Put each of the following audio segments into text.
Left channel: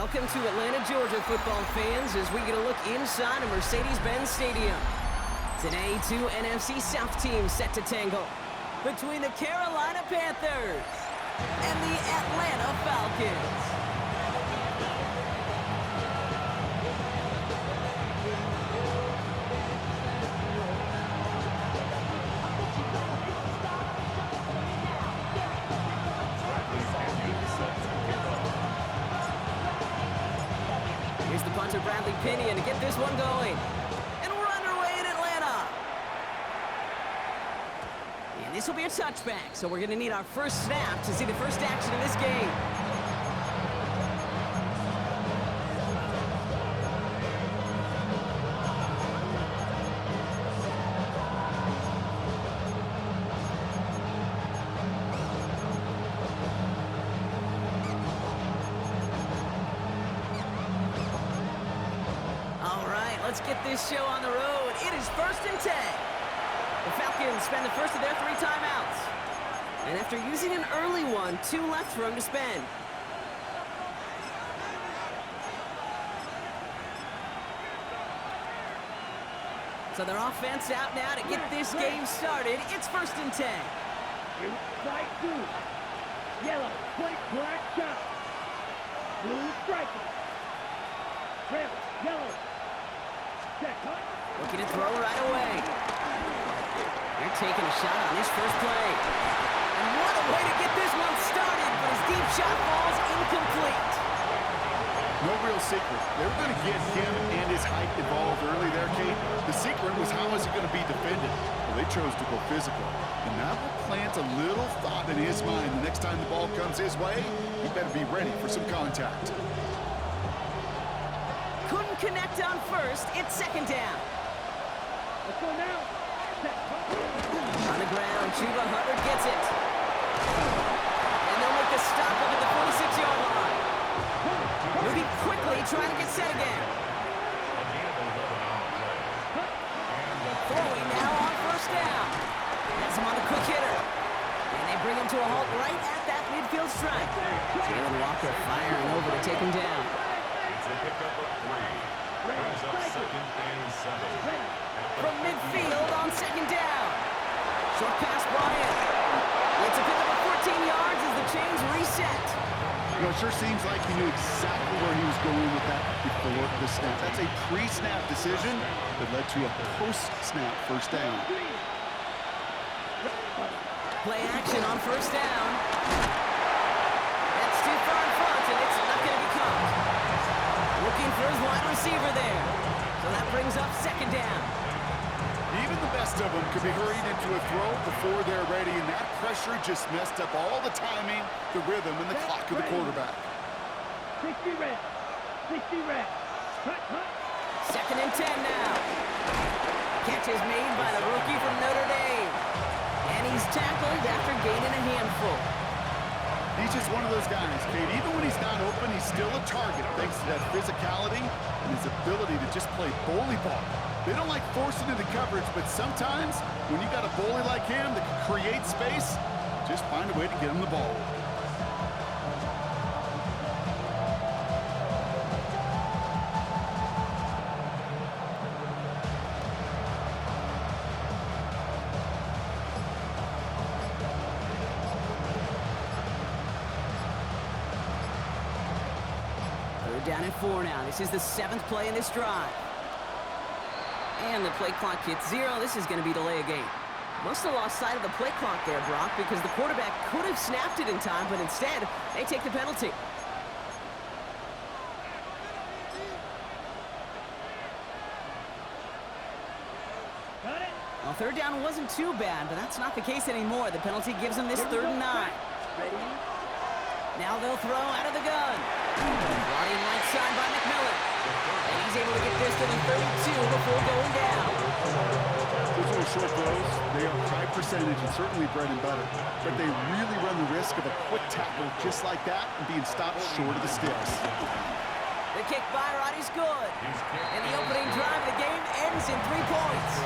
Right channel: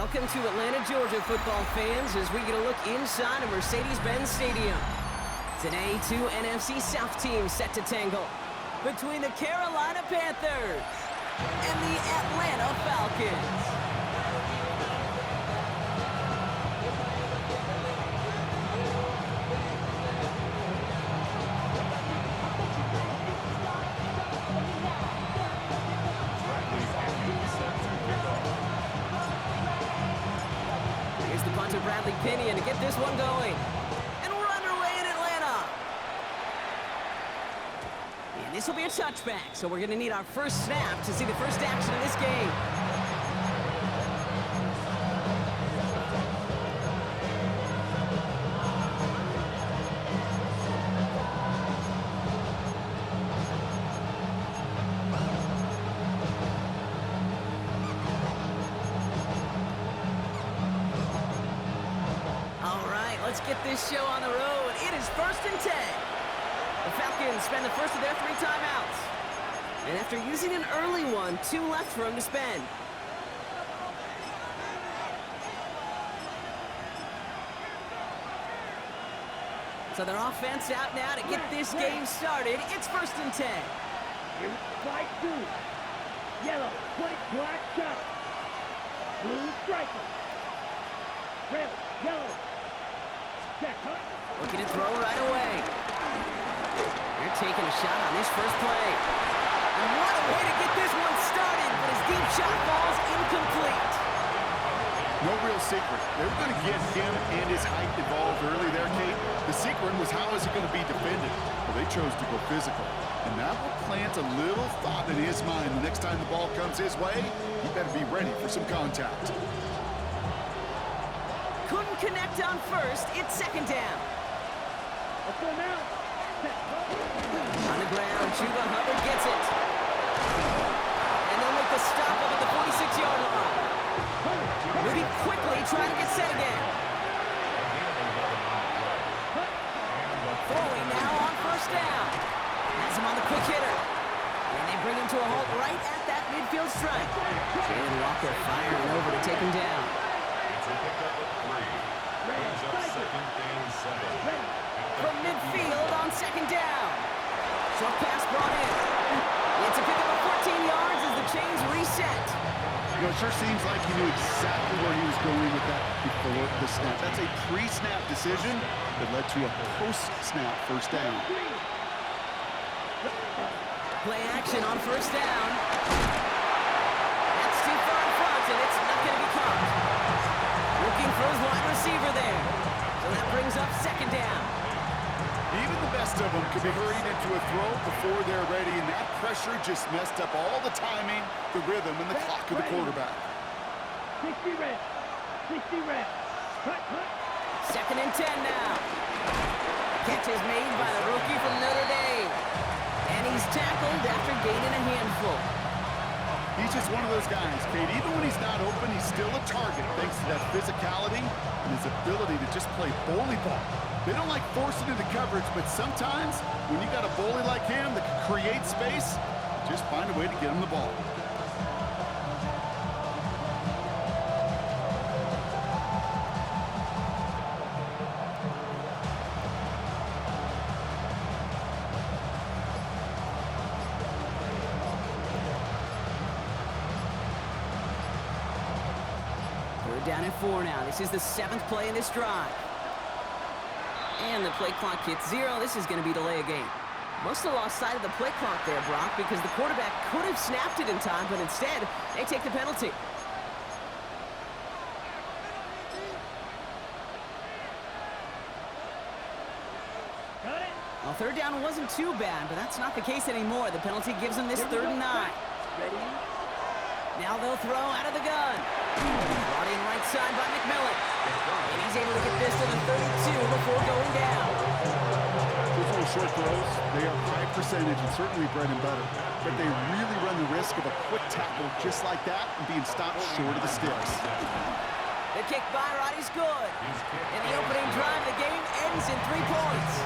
Welcome to Atlanta, Georgia, football fans, as we get a look inside of Mercedes-Benz Stadium. Today, two NFC South teams set to tangle between the Carolina Panthers and the Atlanta Falcons. Here's the punter, Bradley Pinion, to get this one going. And we're underway in Atlanta. And this will be a touchback, so we're going to need our first snap to see the first action of this game. Let's get this show on the road. It is 1st and 10. The Falcons spend the first of their 3 timeouts. And after using an early one, 2 left for them to spend. So their offense out now to get this game started. It's 1st and 10. White blue, yellow, white, black shot, blue striker, red, yellow. Looking to throw right away. They're taking a shot on this first play. And what a way to get this one started, but his deep shot falls incomplete. No real secret. They were going to get him and his height involved early there, Kate. The secret was how is it going to be defended? Well, they chose to go physical. And that will plant a little thought in his mind. The next time the ball comes his way, he better be ready for some contact. Couldn't connect on first. It's 2nd down. Let's go now. On the ground, Chuba Hubbard gets it. And they'll make the stop up at the 46-yard line. Moving quickly, trying to get set again. Throwing now on 1st down. Has him on the quick hitter. And they bring him to a halt right at that midfield strike. Jalen Walker firing over to take him down. A pickup of 3. Brings up 2nd and 7. From midfield on 2nd down. Short pass brought in. It's a pickup of 14 yards as the chains reset. You know, it sure seems like he knew exactly where he was going with that before the snap. That's a pre-snap decision that led to a post-snap 1st down. Play action on 1st down. That's too far in front, and it's not going to be caught. Looking for his wide receiver there. So that brings up 2nd down. Even the best of them could be hurried into a throw before they're ready, and that pressure just messed up all the timing, the rhythm, and the clock of the quarterback. 60 red. 60 red. Cut. 2nd and 10 now. Catch is made by the rookie from Notre Dame. And he's tackled after gaining a handful. He's just one of those guys, Kate. Even when he's not open, he's still a target thanks to that physicality and his ability to just play bully ball. They don't like forcing into coverage, but sometimes when you got a bully like him that can create space, just find a way to get him the ball. Down at 4 now. This is the 7th play in this drive. And the play clock hits 0. This is going to be delay a game. Must have lost sight of the play clock there, Brock, because the quarterback could have snapped it in time, but instead, they take the penalty. Got it. Well, 3rd down wasn't too bad, but that's not the case anymore. The penalty gives them this 3rd and 9. Ready? Now they'll throw out of the gun. Brought in right side by McMillan. And he's able to get this to the 32 before going down. Those little short throws, they are high percentage and certainly bread and butter. But they really run the risk of a quick tackle just like that and being stopped short of the sticks. The kick by Roddy's good. And the opening drive of the game ends in 3 points.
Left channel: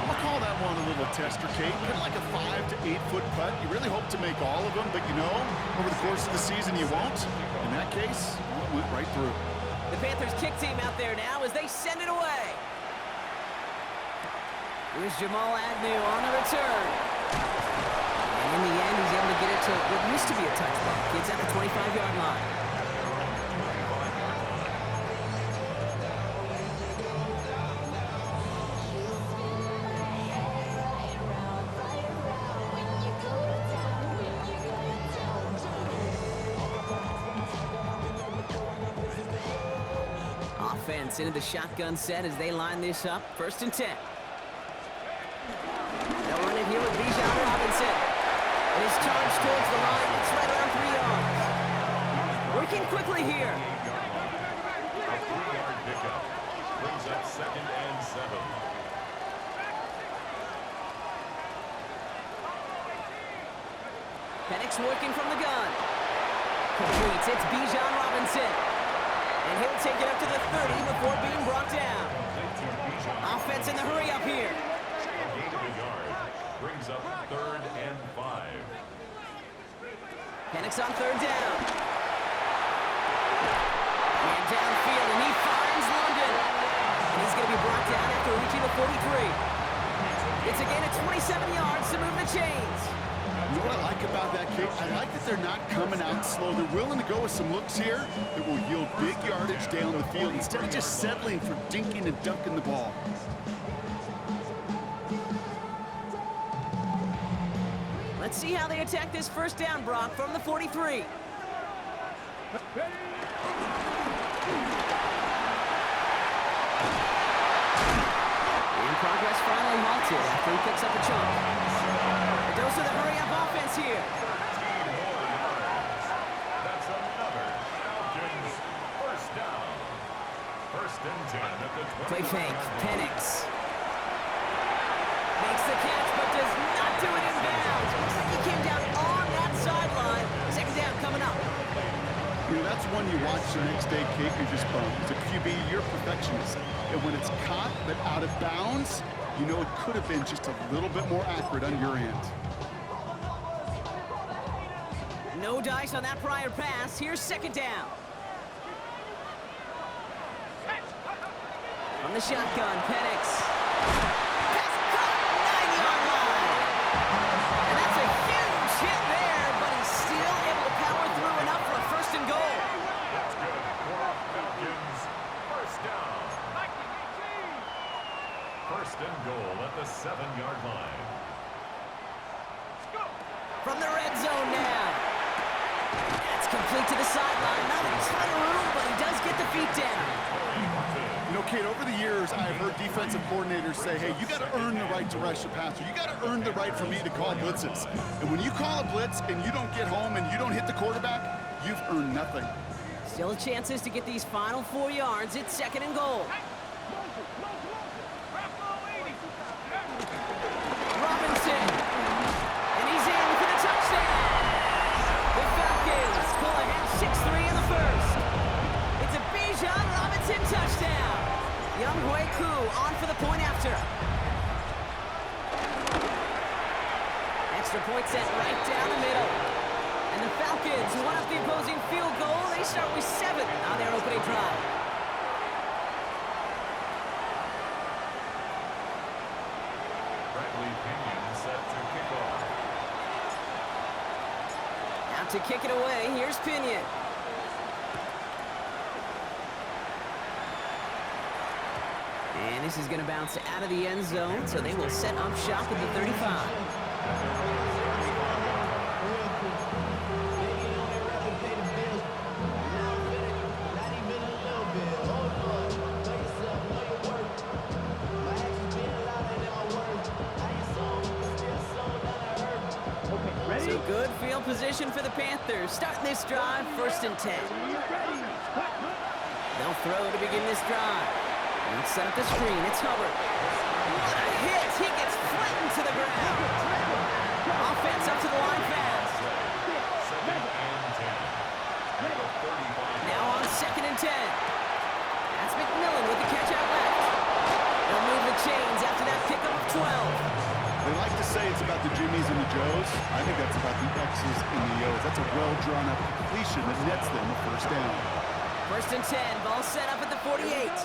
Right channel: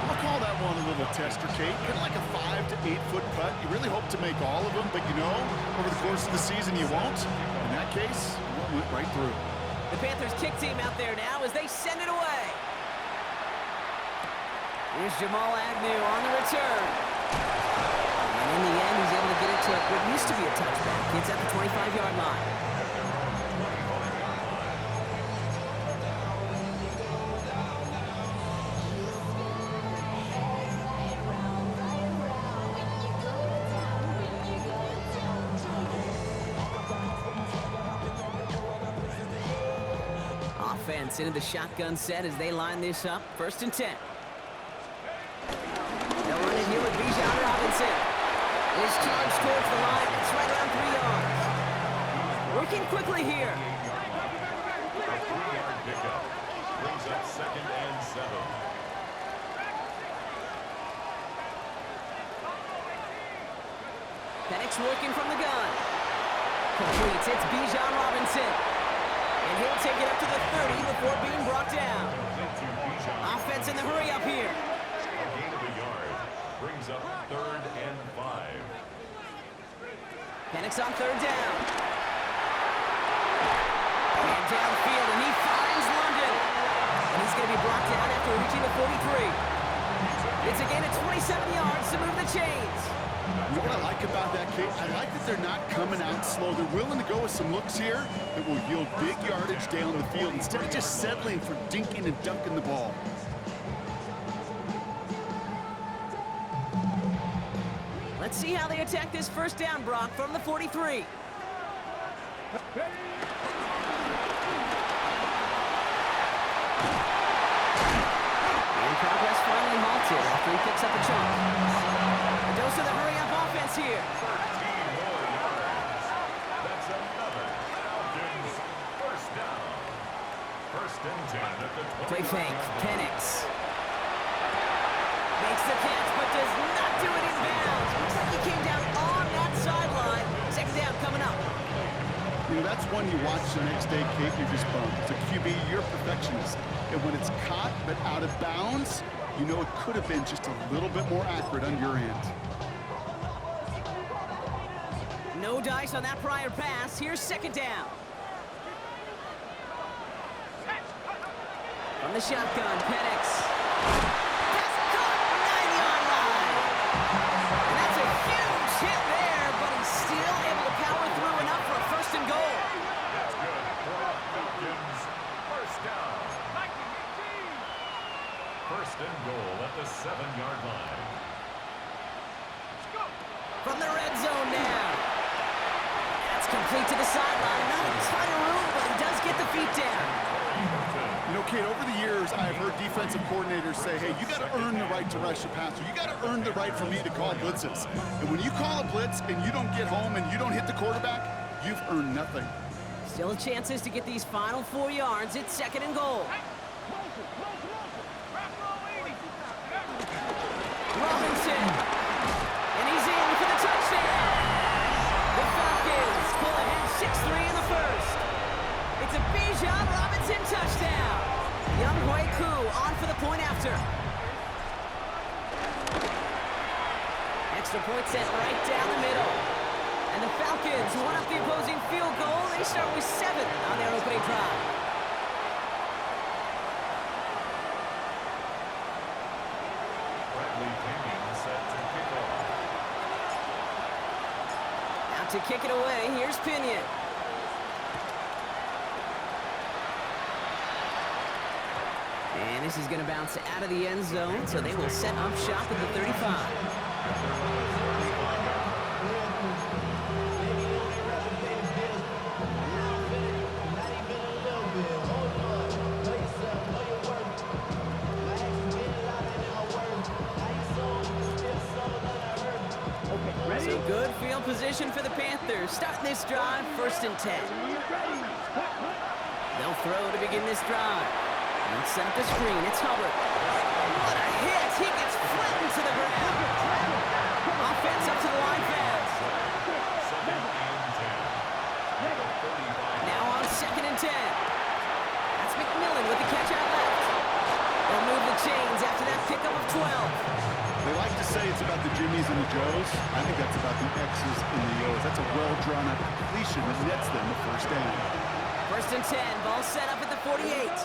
I'm going to call that one a little tester, Kate. Kind of like a 5 to 8 foot putt. You really hope to make all of them, but you know, over the course of the season you won't. In that case, went right through. The Panthers kick team out there now as they send it away. Here's Jamal Agnew on the return. And in the end, he's able to get it to what used to be a touchback. It's at the 25-yard line. Offense into the shotgun set as they line this up. 1st and 10. They'll run it here with Bijan Robinson. It is charged towards the line. It's right around 3 yards. Working quickly here. A 3-yard pickup. Brings up 2nd and 7. Penix working from the gun. Completes. It's Bijan Robinson. And he'll take it up to the 30 before being brought down. Offense in the hurry up here. A gain of a yard. Brings up 3rd and 5. Penix on 3rd down. And downfield, and he finds London. And he's going to be brought down after reaching the 43. It's a gain of 27 yards to move the chains. You know what I like about that, Kate? I like that they're not coming out slow. They're willing to go with some looks here that will yield big yardage down the field instead of just settling for dinking and dunking the ball. Let's see how they attack this 1st down, Brock, from the 43. And progress finally halted after he picks up a chunk. A dose of the hurry-up offense here. 13 more yards. That's another Falcons 1st down. 1st and 10 at the 20. Play fake. Penix makes the catch, but does not do it in bounds. Looks like he came down on that sideline. 2nd down coming up. You know, that's one you watch the next day, Kate, you're just bummed. As a QB, you're a perfectionist. And when it's caught but out of bounds, you know it could have been just a little bit more accurate on your end. No dice on that prior pass. Here's 2nd down. From the shotgun, Penix. Pass caught, 9-yard line. And that's a huge hit there, but he's still able to power through enough for a 1st and goal. That's good for Falcons 1st down. 1st and goal at the 7-yard line. From the red zone now. That's complete to the sideline. Not a ton of room, but he does get the feet down. You know, Kate, over the years, I've heard defensive coordinators say, hey, you got to earn the right to rush the passer. You got to earn the right for me to call blitzes. And when you call a blitz and you don't get home and you don't hit the quarterback, you've earned nothing. Still chances to get these final 4 yards. It's 2nd and goal. Robinson. And he's in for the touchdown. The Falcons pull ahead 6-3 in the 1st. It's a Bijan Robinson touchdown. Young Hui Koo on for the point after. Extra point set right down the middle. And the Falcons won up the opposing field goal. They start with 7 on their opening drive. Bradley Pinion set to kick off. Out to kick it away, here's Pinion. And this is going to bounce out of the end zone, so they will set up shop at the 35. So good field position for the Panthers. Starting this drive, 1st and 10. They'll throw to begin this drive. And set up the screen. It's Hubbard. What a hit! He gets flattened to the ground. Offense up to the line fast. 2nd and 10. Now on 2nd and 10. That's McMillan with the catch out left. They'll move the chains after that pickup of 12. They like to say it's about the Jimmies and the Joes. I think that's about the X's and the O's. That's a well-drawn-up completion that nets them a 1st down. First and 10, ball set up at the 48. Ready?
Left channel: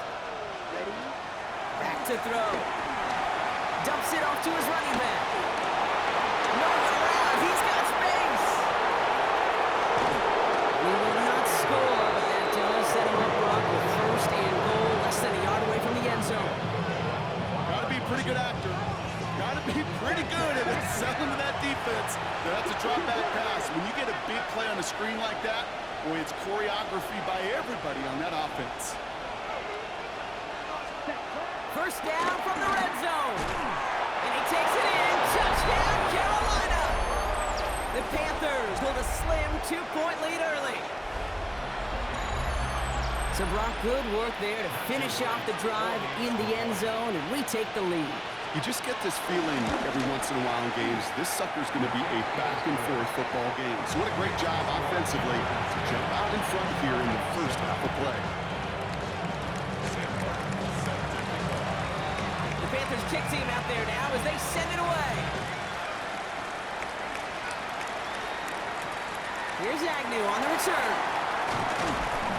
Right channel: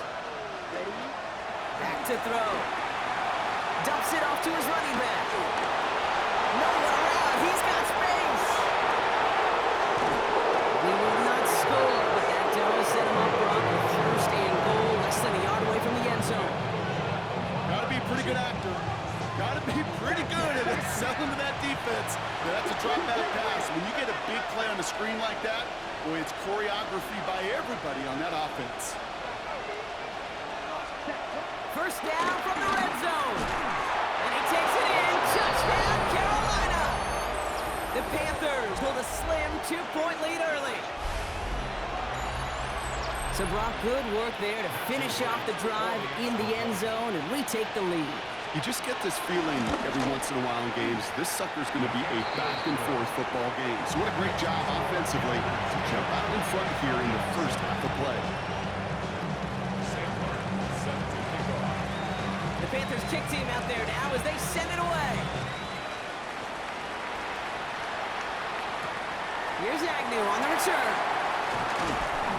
Back to throw. Dumps it off to his running back. No one around. He's got space. We will not score, but that does set him up, Brock, with first and goal, less than a yard away from the end zone. Got to be a pretty good actor. Got to be pretty good at selling to that defense. That's a drop back pass. When you get a big play on the screen like that, boy, it's choreography by everybody on that offense. First down from the red zone. And he takes it in. Touchdown, Carolina. The Panthers hold a slim 2-point lead early. So, Brock, good work there to finish off the drive in the end zone, and we take the lead. You just get this feeling every once in a while in games, this sucker's going to be a back-and-forth football game. So what a great job offensively to jump out in front here in the first half of play. The Panthers kick team out there now as they send it away. Here's Agnew on the return.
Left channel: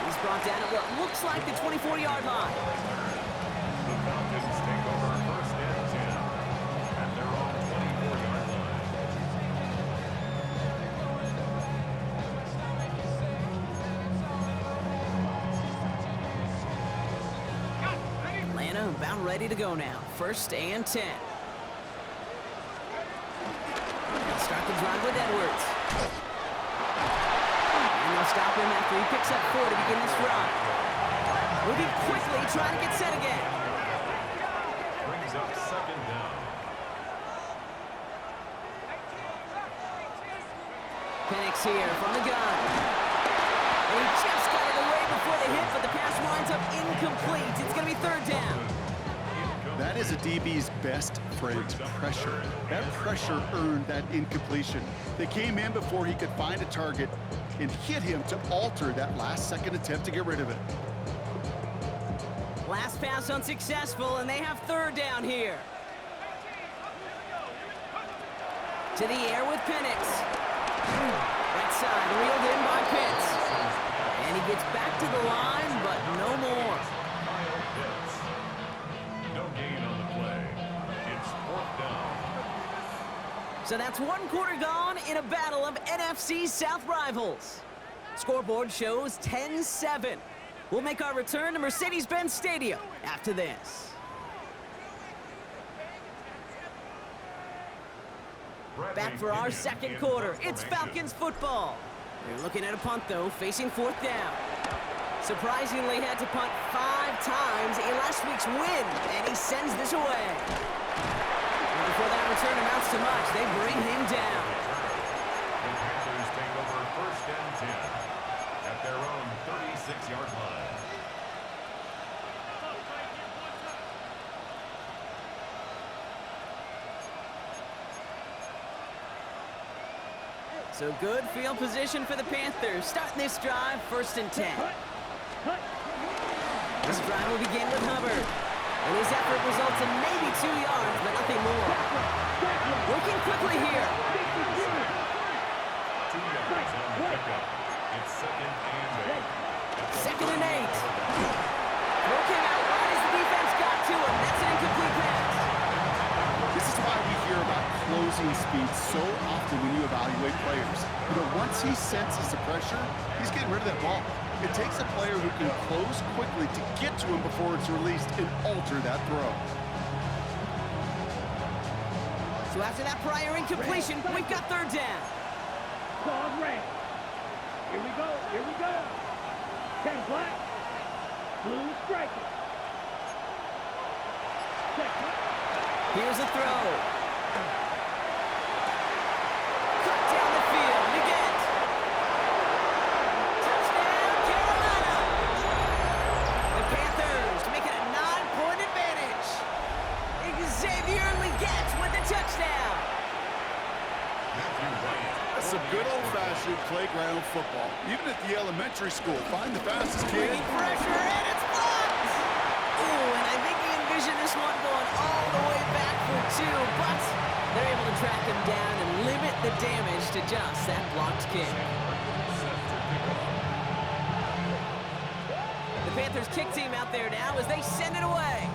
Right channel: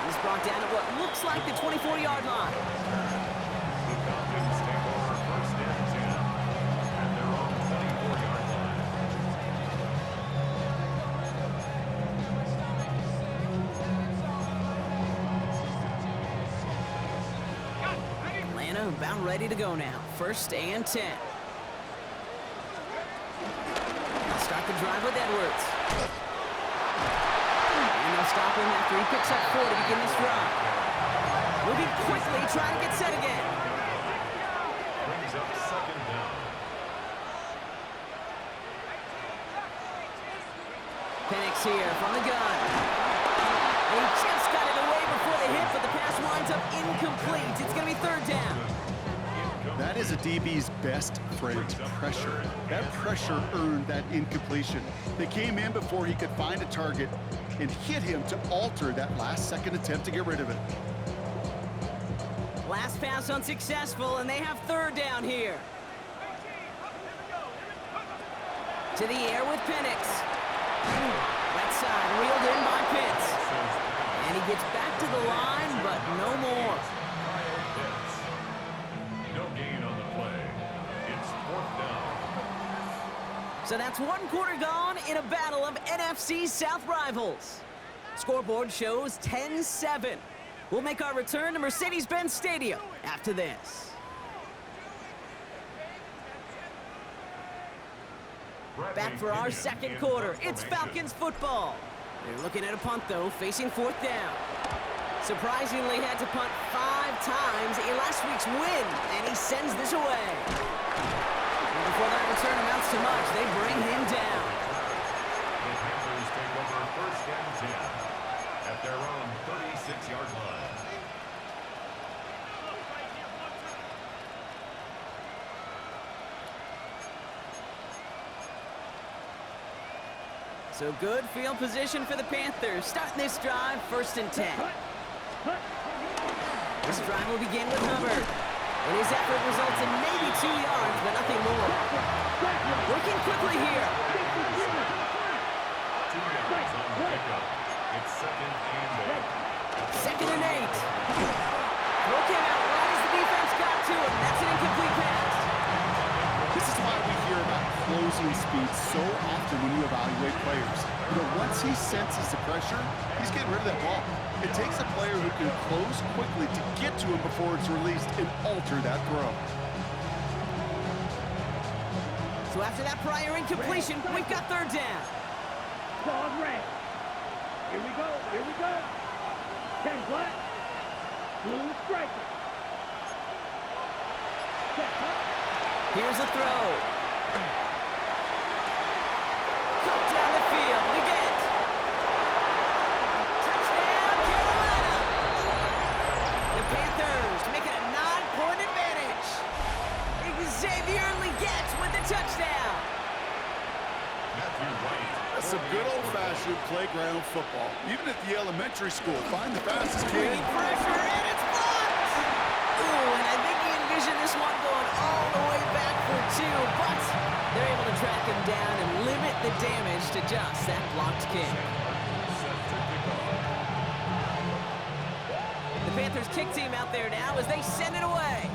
He's brought down at what looks like the 24-yard line. The Falcons take over first and 10 at their own 24-yard line. Atlanta about ready to go now. First and 10. They'll start the drive with Edwards. And they'll stop him after he picks up 4 to begin this drive. Moving quickly, trying to get set again. Brings up second down. Penix here from the gun. And he just got it away before the hit, but the pass winds up incomplete. It's going to be third down. That is a DB's best friend, pressure. That pressure earned that incompletion. They came in before he could find a target and hit him to alter that last-second attempt to get rid of it. Last pass unsuccessful, and they have third down here. To the air with Penix. Right side, reeled in by Pitts. And he gets back to the line, but no more. Kyle Pitts. No gain on the play. It's fourth down. So that's one quarter gone in a battle of NFC South rivals. Scoreboard shows 10-7. We'll make our return to Mercedes-Benz Stadium after this. Back for our second quarter. It's Falcons football. They're looking at a punt, though, facing fourth down. Surprisingly, had to punt 5 times in last week's win, and he sends this away. And before that return amounts to much, they bring him down. The Panthers take over first and 10 at their own 36-yard line. So good field position for the Panthers. Starting this drive, first and 10. This drive will begin with Hubbard. And his effort results in maybe 2 yards, but nothing more. Working quickly here. 2 yards on the pickup. It's second and 8. Second and 8. Throw came out right as the defense got to him. That's an incomplete pass. This is why we hear about closing speed so often when you evaluate players. You know, once he senses the pressure, he's getting rid of that ball. It takes a player who can close quickly to get to him before it's released and alter that throw. So after that prior incompletion, we've got third down. Dog red. Here we go. Here we go. 10 black. Blue striker. Check. Here's a throw. Cut down the field again. Touchdown, Carolina. The Panthers make it a 9-point advantage. Xavier Legette with the touchdown. Matthew Wright. That's some good old-fashioned playground football. Even at the elementary school, find the fastest kid. Bringing pressure, and it's blocked. Ooh, and I think he envisioned this one going all the way back for 2, but they're able to track him down and limit the damage to just that blocked kick. Set to kick off. Panthers kick team out there now as they send it away.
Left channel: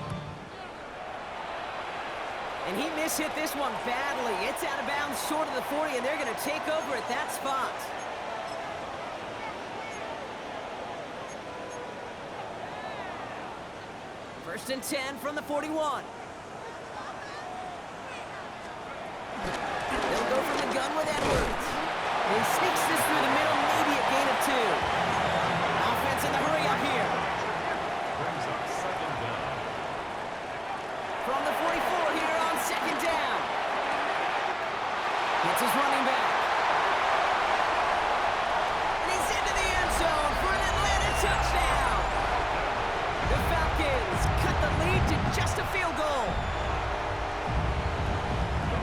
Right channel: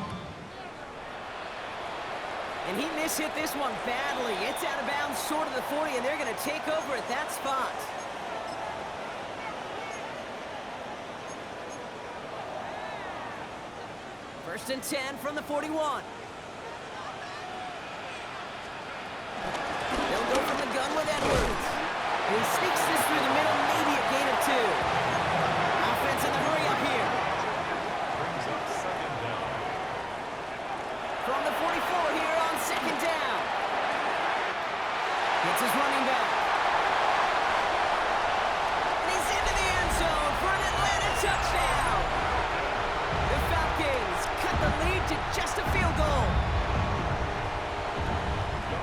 And he mishit this one badly. It's out of bounds short of the 40, and they're going to take over at that spot. First and 10 from the 41. They'll go from the gun with Edwards. And he sneaks this through the middle, maybe a gain of 2. Offense in the hurry up here. Brings up second down. From the 44 here on second down. Hits his running back. And he's into the end zone for an Atlanta touchdown. The Falcons cut the lead to just a field goal.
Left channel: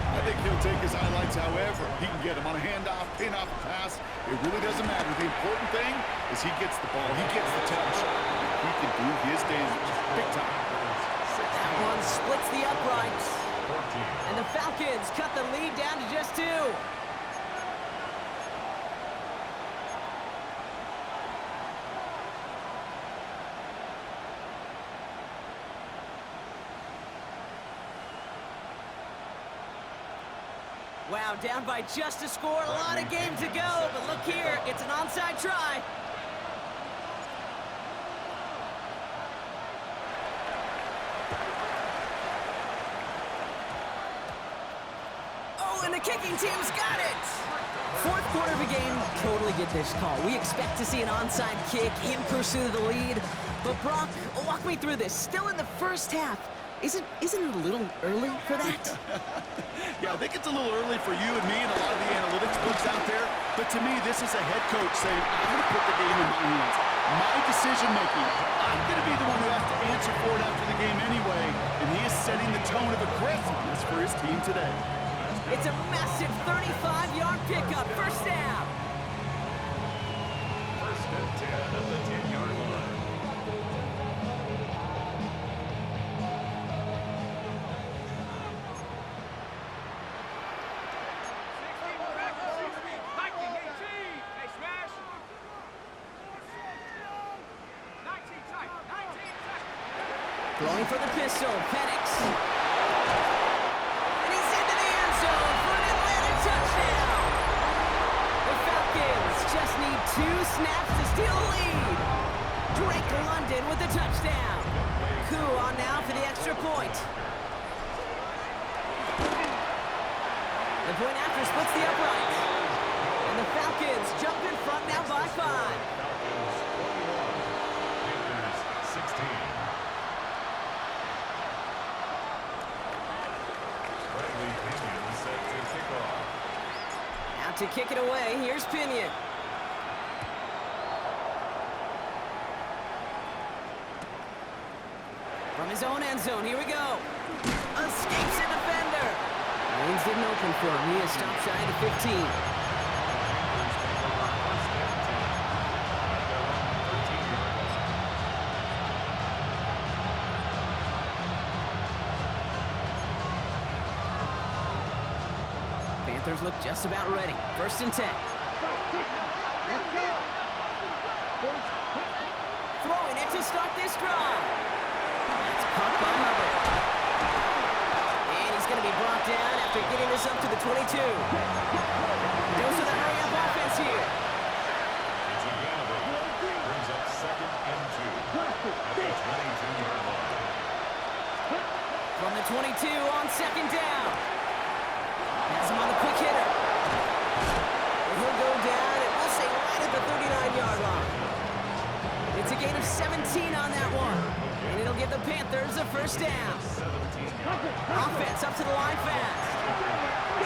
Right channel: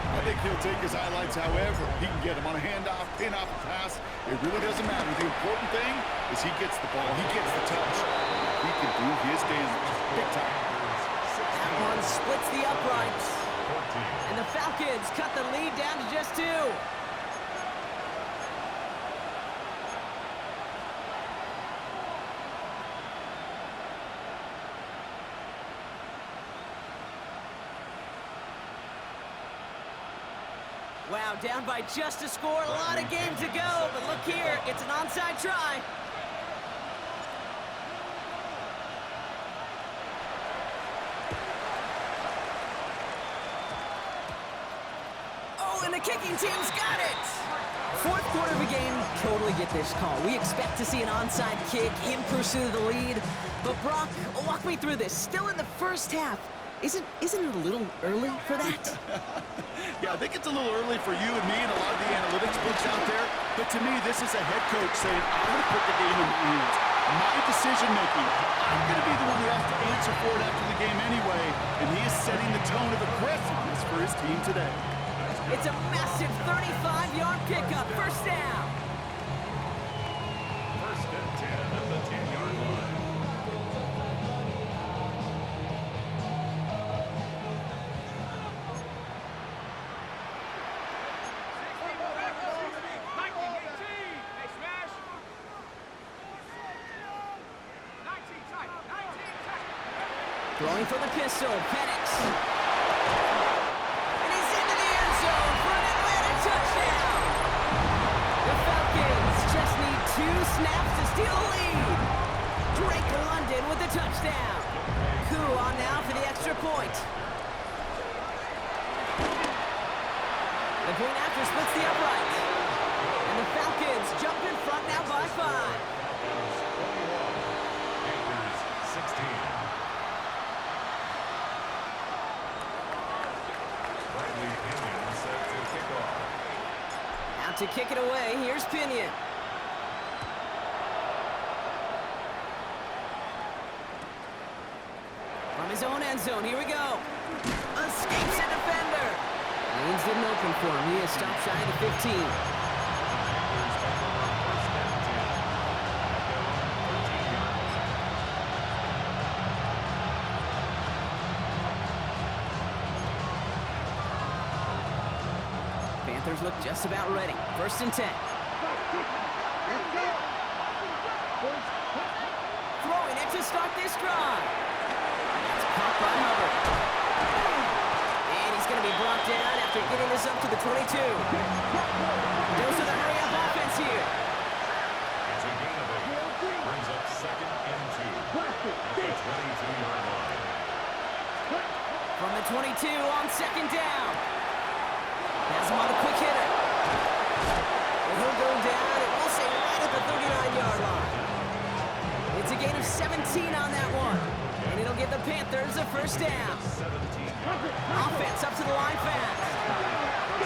I think he'll take his highlights however he can get him on a handoff, pin-off, pass. It really doesn't matter. The important thing is he gets the ball, he gets the touch. He can do his damage big time. That one splits the uprights. 14. And the Falcons cut the lead down to just 2. Wow, down by just a score. A lot of game to go, but look here, it's an onside try. Oh, and the kicking team's got it. Fourth quarter of a game, totally get this call. We expect to see an onside kick in pursuit of the lead. But Brock, walk me through this. Still in the first half. Isn't it a little early for that? Yeah, I think it's a little early for you and me and a lot of the analytics books out there. But to me, this is a head coach saying, I'm going to put the game in my hands. My decision-making. I'm going to be the one who has to answer for it after the game anyway. And he is setting the tone of aggressiveness for his team today. It's a massive 35-yard pickup. First down. First and 10 at the 10-yard line. Throwing for the pistol, Penix. And he's into the end zone for an Atlanta touchdown. The Falcons just need 2 snaps to steal the lead. Drake London with the touchdown. Koo on now for the extra point. The point after splits the upright. And the Falcons jump in front now by 5. Falcons 21. Panthers 16. Pinion set to kick off. Out to kick it away, here's Pinion. From his own end zone, here we go. Escapes a defender. Lanes didn't open for him. He is stopped shy of the 15. Panthers take over first and 10 at their own 13-yard line. Panthers look just about ready. First and 10. Throwing it to start this drive. That's caught by Hubbard. And he's going to be brought down after getting this up to the 22. Goes to the hurry-up offense here. It's a gain of 8. Brings up second and 2 at the 22-yard line. From the 22 on second down. Has him on the quick hitter. And he'll go down, and we'll say right at the 39-yard line. It's a gain of 17 on that one. And it'll give the Panthers a first down. 17 yards. Offense up to the line fast. 10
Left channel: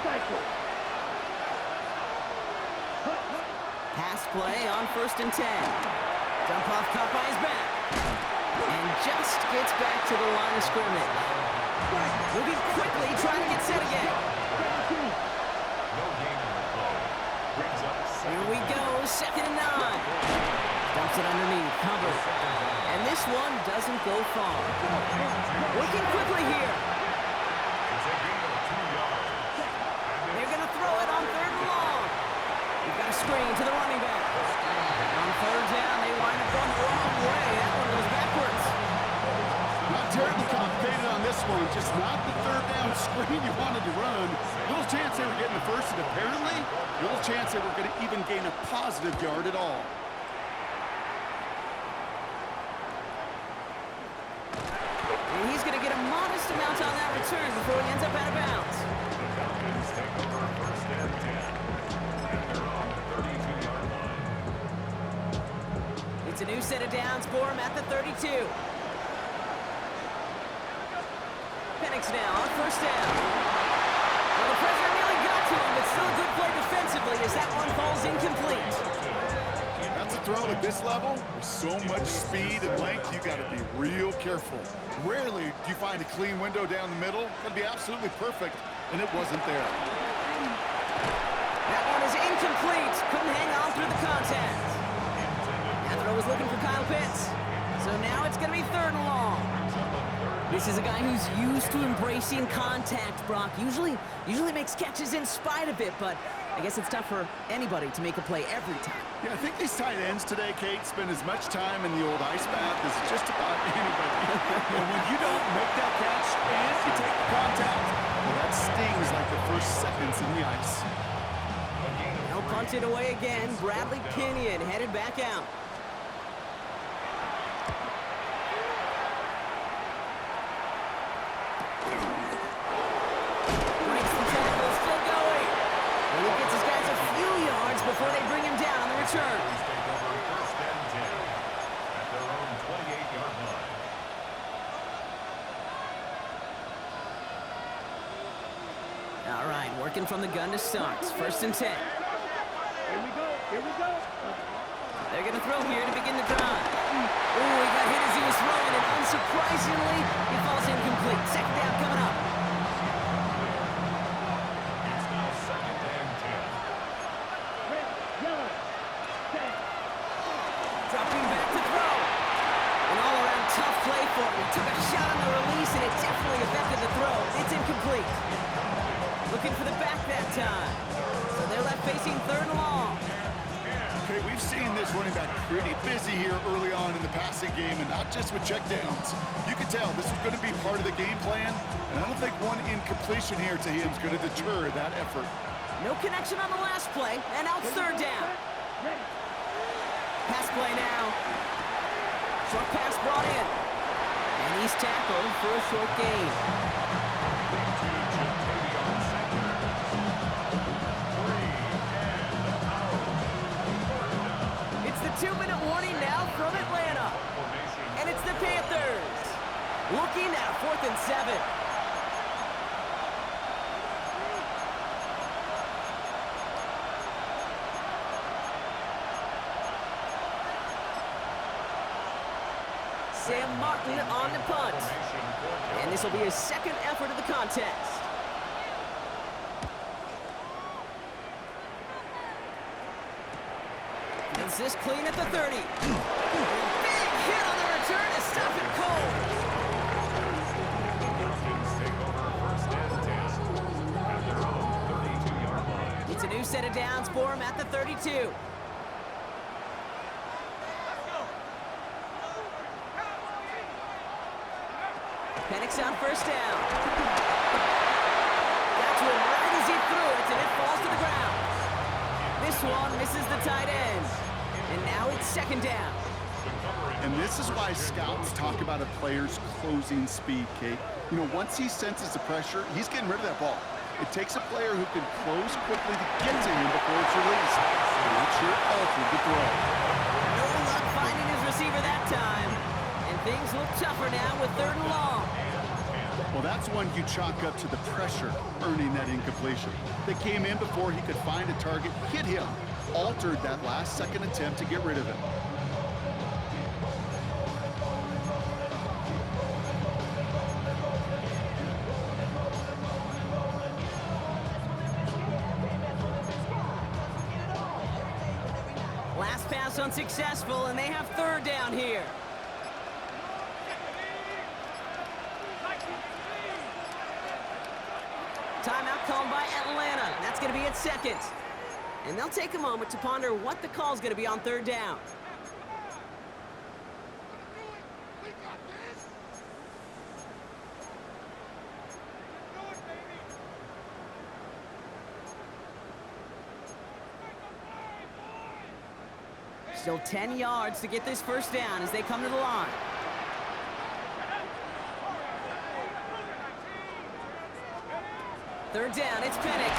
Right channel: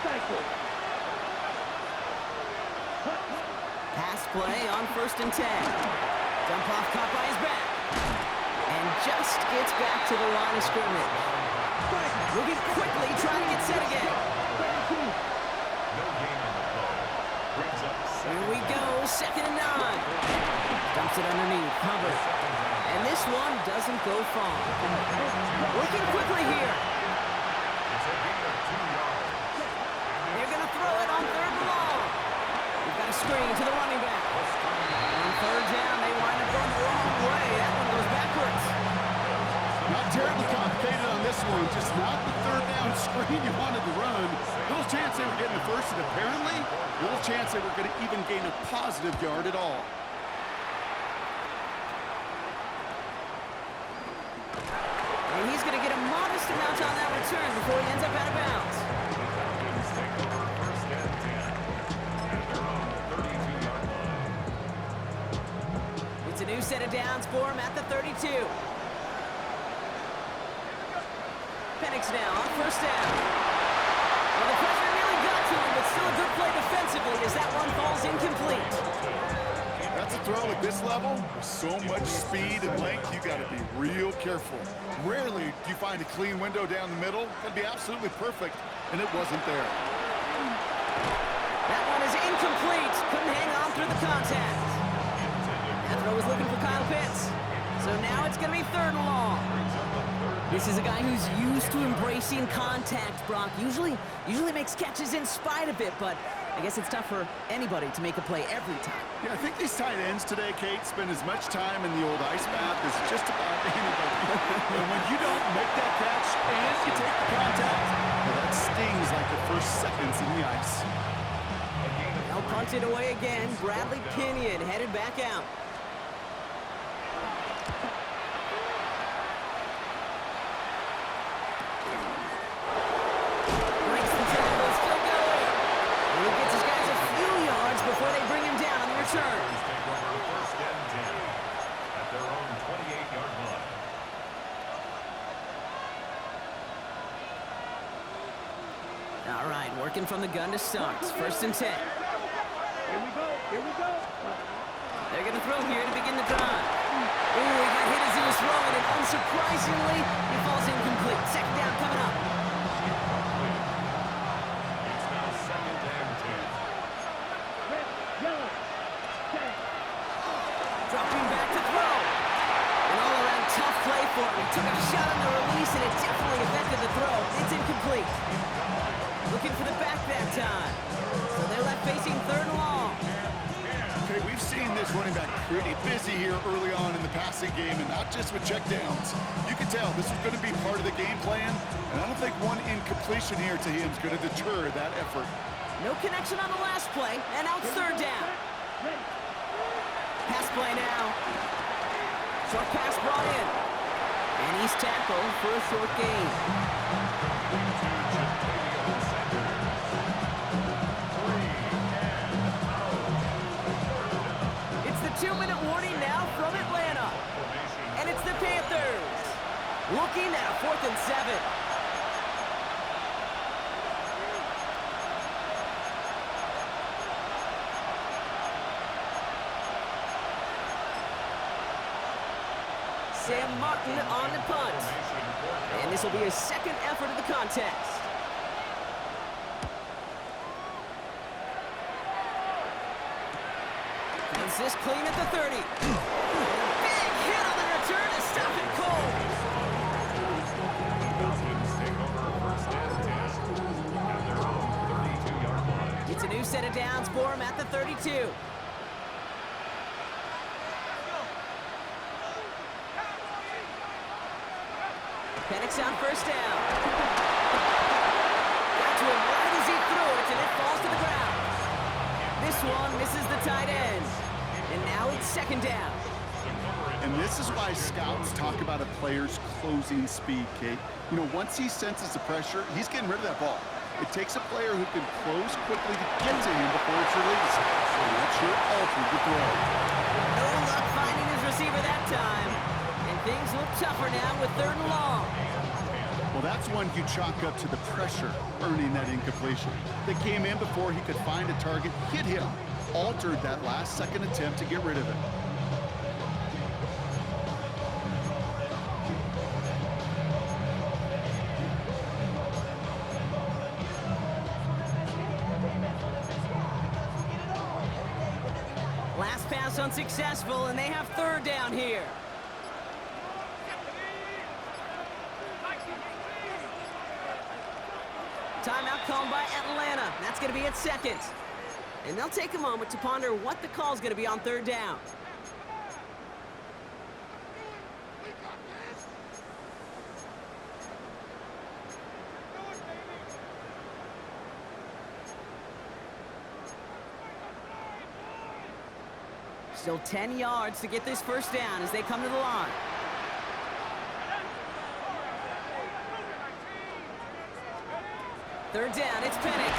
cycles. Pass play on first and 10. Dump off caught by his back. And just gets back to the line of scrimmage. Moving quickly, trying to get set again. No gain on the play. Brings up second. Here we go, second and 9. Dumps it underneath, Hubbard. And this one doesn't go far. Working quickly here. It's a gain of 2 yards. They're going to throw it on third and long. We've got a screen to the running back. On third down, they wind up going the wrong way. this one, just not the third down screen you wanted to run. Little chance they were getting the first, and apparently, little chance they were going to even gain a positive yard at all. And he's going to get a modest amount on that return before he ends up out of bounds. The Falcons take over first and 10 at their own 32-yard line. It's a new set of downs for him at the 32. Penix now on first down. Well, the pressure nearly got to him, but still a good play defensively as that one falls incomplete. That's a throw at this level. With so much speed and length, you got to be real careful. Rarely do you find a clean window down the middle. Got to be absolutely perfect, and it wasn't there. That one is incomplete. Couldn't hang on through the contact. That throw was looking for Kyle Pitts. So now it's going to be third and long. This is a guy who's used to embracing contact, Brock. Usually makes catches in spite of it, but I guess it's tough for anybody to make a play every time. Yeah, I think these tight ends today, Kate, spend as much time in the old ice bath as just about anybody. And when you don't make that catch and you take the contact, well, that stings like the first seconds in the ice. They'll punt it away again. Bradley Pinion headed back out. He gets his guys a few yards before they bring him down on the return. Take over first and 10 at their own 28-yard line. All right, working from the gun to start. First and 10. Here we go. Here we go. They're going to throw here to begin the drive. Ooh, he got hit as he was throwing, and unsurprisingly, he falls incomplete. Second down coming up. Dropping back to throw. An all-around tough play for him. He took a shot on the release, and it definitely affected the throw. It's incomplete. Looking for the back that time. So they're left facing third and long. Okay, we've seen this running back pretty busy here early on in the passing game, and not just with checkdowns. You can tell this is going to be part of the game plan, and I don't think one incompletion here to him is going to deter that effort. No connection on the last play, and now it's third down. Pass play now. Short pass brought in. And he's tackled for a short gain. It's the 2-minute warning now from Atlanta. And it's the Panthers looking at a 4th and 7. Sam Martin on the punt. And this will be his second effort of the contest. Gets this clean at the 30. And a big hit on the return to stop it cold. Falcons take over first and 10 at their own 32-yard line. It's a new set of downs for him at the 32. Penix on first down. Got to him right as he threw it, and it falls to the ground. This one misses the tight end. And now it's second down. And this is why scouts talk about a player's closing speed, Kate. You know, once he senses the pressure, he's getting rid of that ball. It takes a player who can close quickly to get to him before it's released. And that's your ultimate throw. No luck finding his receiver that time. And things look tougher now with third and long. Well, that's one you chalk up to the pressure earning that incompletion. They came in before he could find a target, hit him, altered that last-second attempt to get rid of it. Last pass unsuccessful, and they have third down here. Timeout called by Atlanta. That's going to be at second. And they'll take a moment to ponder what the call's going to be on third down. Still 10 yards to get this first down as they come to the line. Third down, it's Penix.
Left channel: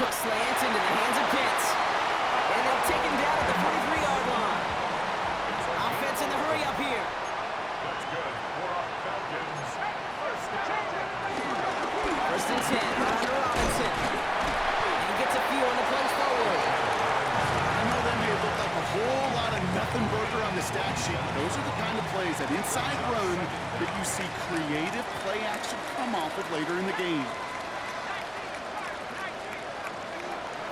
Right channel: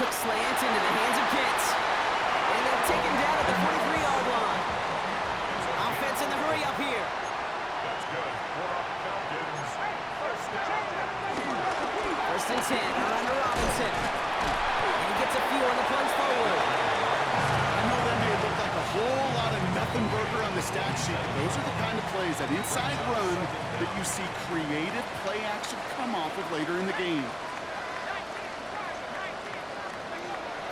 Quick slant into the hands of Pitts. And they'll take him down at the 43-yard line. Offense in the hurry up here. That's good for a Falcons first down. First and 10, around to Robinson. And he gets a few on the plunge forward. I know that may look like a whole lot of nothing burger on the stat sheet, but those are the kind of plays, that inside run, that you see creative play action come off of later in the game.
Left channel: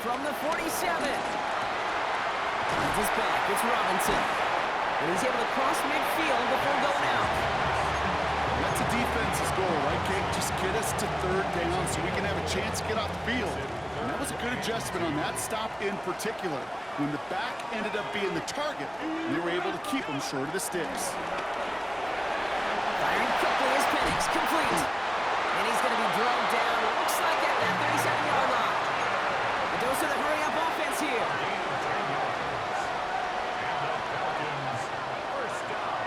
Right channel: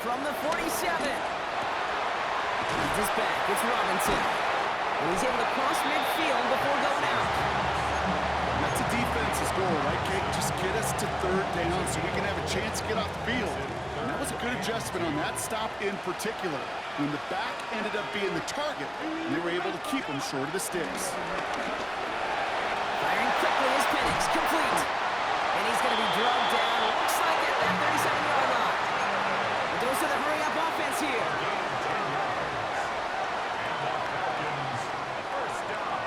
From the 47. Behind his back, it's Robinson. And he's able to cross midfield before going out. That's a defense's goal, right, Kate? Just get us to third down so we can have a chance to get off the field. And that was a good adjustment on that stop in particular, when the back ended up being the target, and they were able to keep him short of the sticks. Firing quickly is Penix, complete. And he's going to be drugged down, looks like at that 37-yard line. The dose of the hurry-up offense here. Gain 10 yards. And the Falcons first down.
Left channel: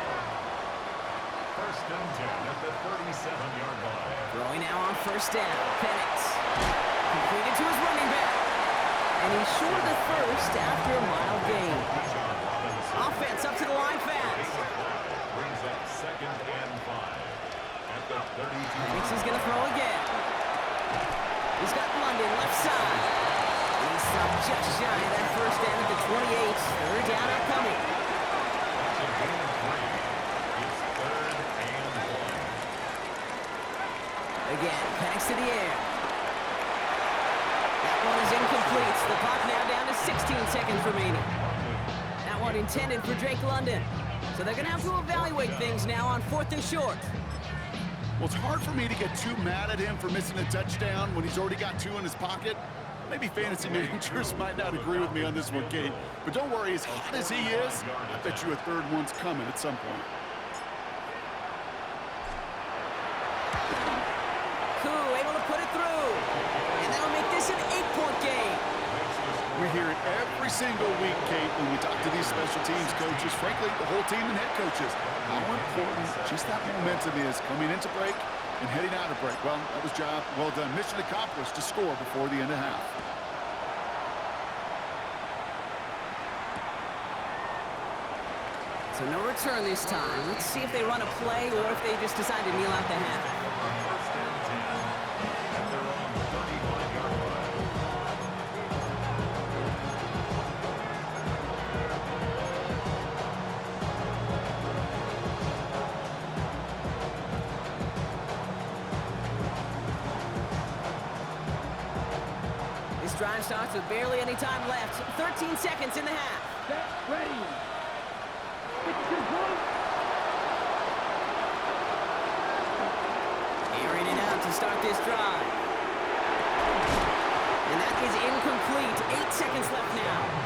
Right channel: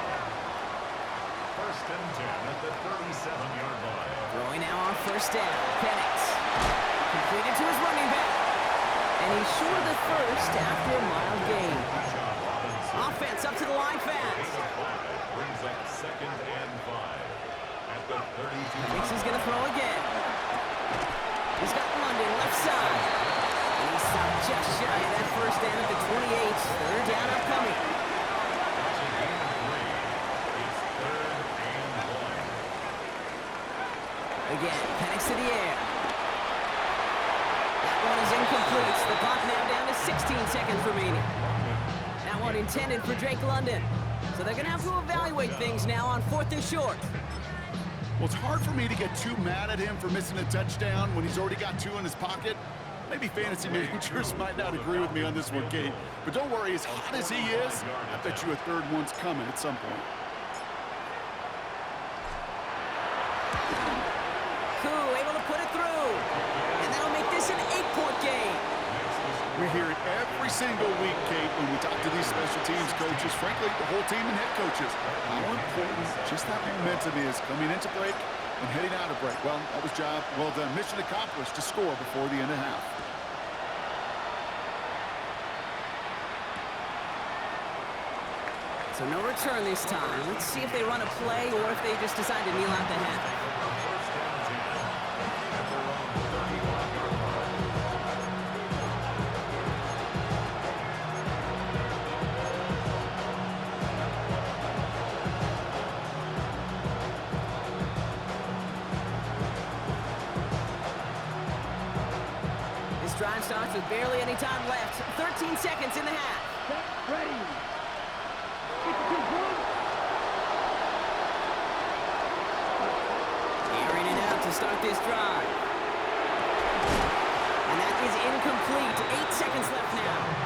First and 10 at the 37-yard line. Throwing now on first down, Penix. Completed to his running back. And he's short of the first after a mild gain. Offense up to the line fast. Brings up second and 5 at the 32. Penix is going to throw again. He's got London left side. And he's stopped just shy of that first down at the 28. Third down upcoming. That's a gain of 3. It's third and 1. Again, Penix to the air. That one is incomplete. The clock now down to 16 seconds remaining. That one intended for Drake London. So they're going to have to evaluate things now on 4th and short. Well, it's hard for me to get too mad at him for missing a touchdown when he's already got 2 in his pocket. Maybe fantasy managers might not agree with me on this one, Kate. But don't worry, as hot as he is, I bet you a third one's coming at some point. Koo able to put it through. And that'll make this an 8-point game. We hear it every single week, Kate, when we talk to these special teams coaches, frankly, the whole team and head coaches, how important just that momentum is coming into break and heading out of break. Well, that was job well done. Mission accomplished to score before the end of half. So no return this time. Let's see if they run a play or if they just decide to kneel out the half. First and 10 at their own 35-yard line. This drive starts with barely any time left. 13 seconds in the half. Set, ready. 52 points. Airing it out to start this drive. And that is incomplete. 8 seconds left now.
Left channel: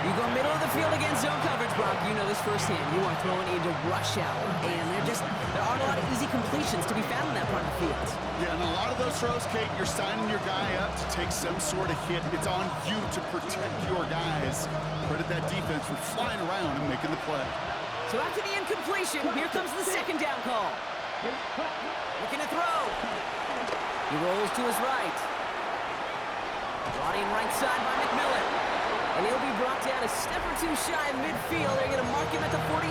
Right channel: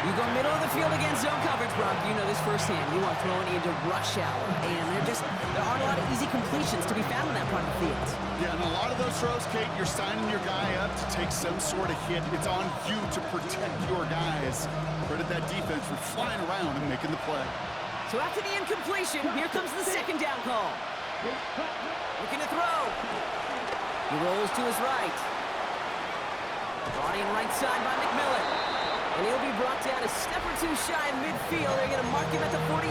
You go middle of the field against zone coverage, Brock. You know this firsthand. You are throwing into rush hour. And there aren't a lot of easy completions to be found in that part of the field. Yeah, and a lot of those throws, Kate, you're signing your guy up to take some sort of hit. It's on you to protect your guys. Credit that defense for flying around and making the play. So after the incompletion, here comes the second down call. Looking to throw. He rolls to his right. Brought in right side by McMillan. And he'll be brought down a step or two shy of midfield. They're going to mark him at the 48.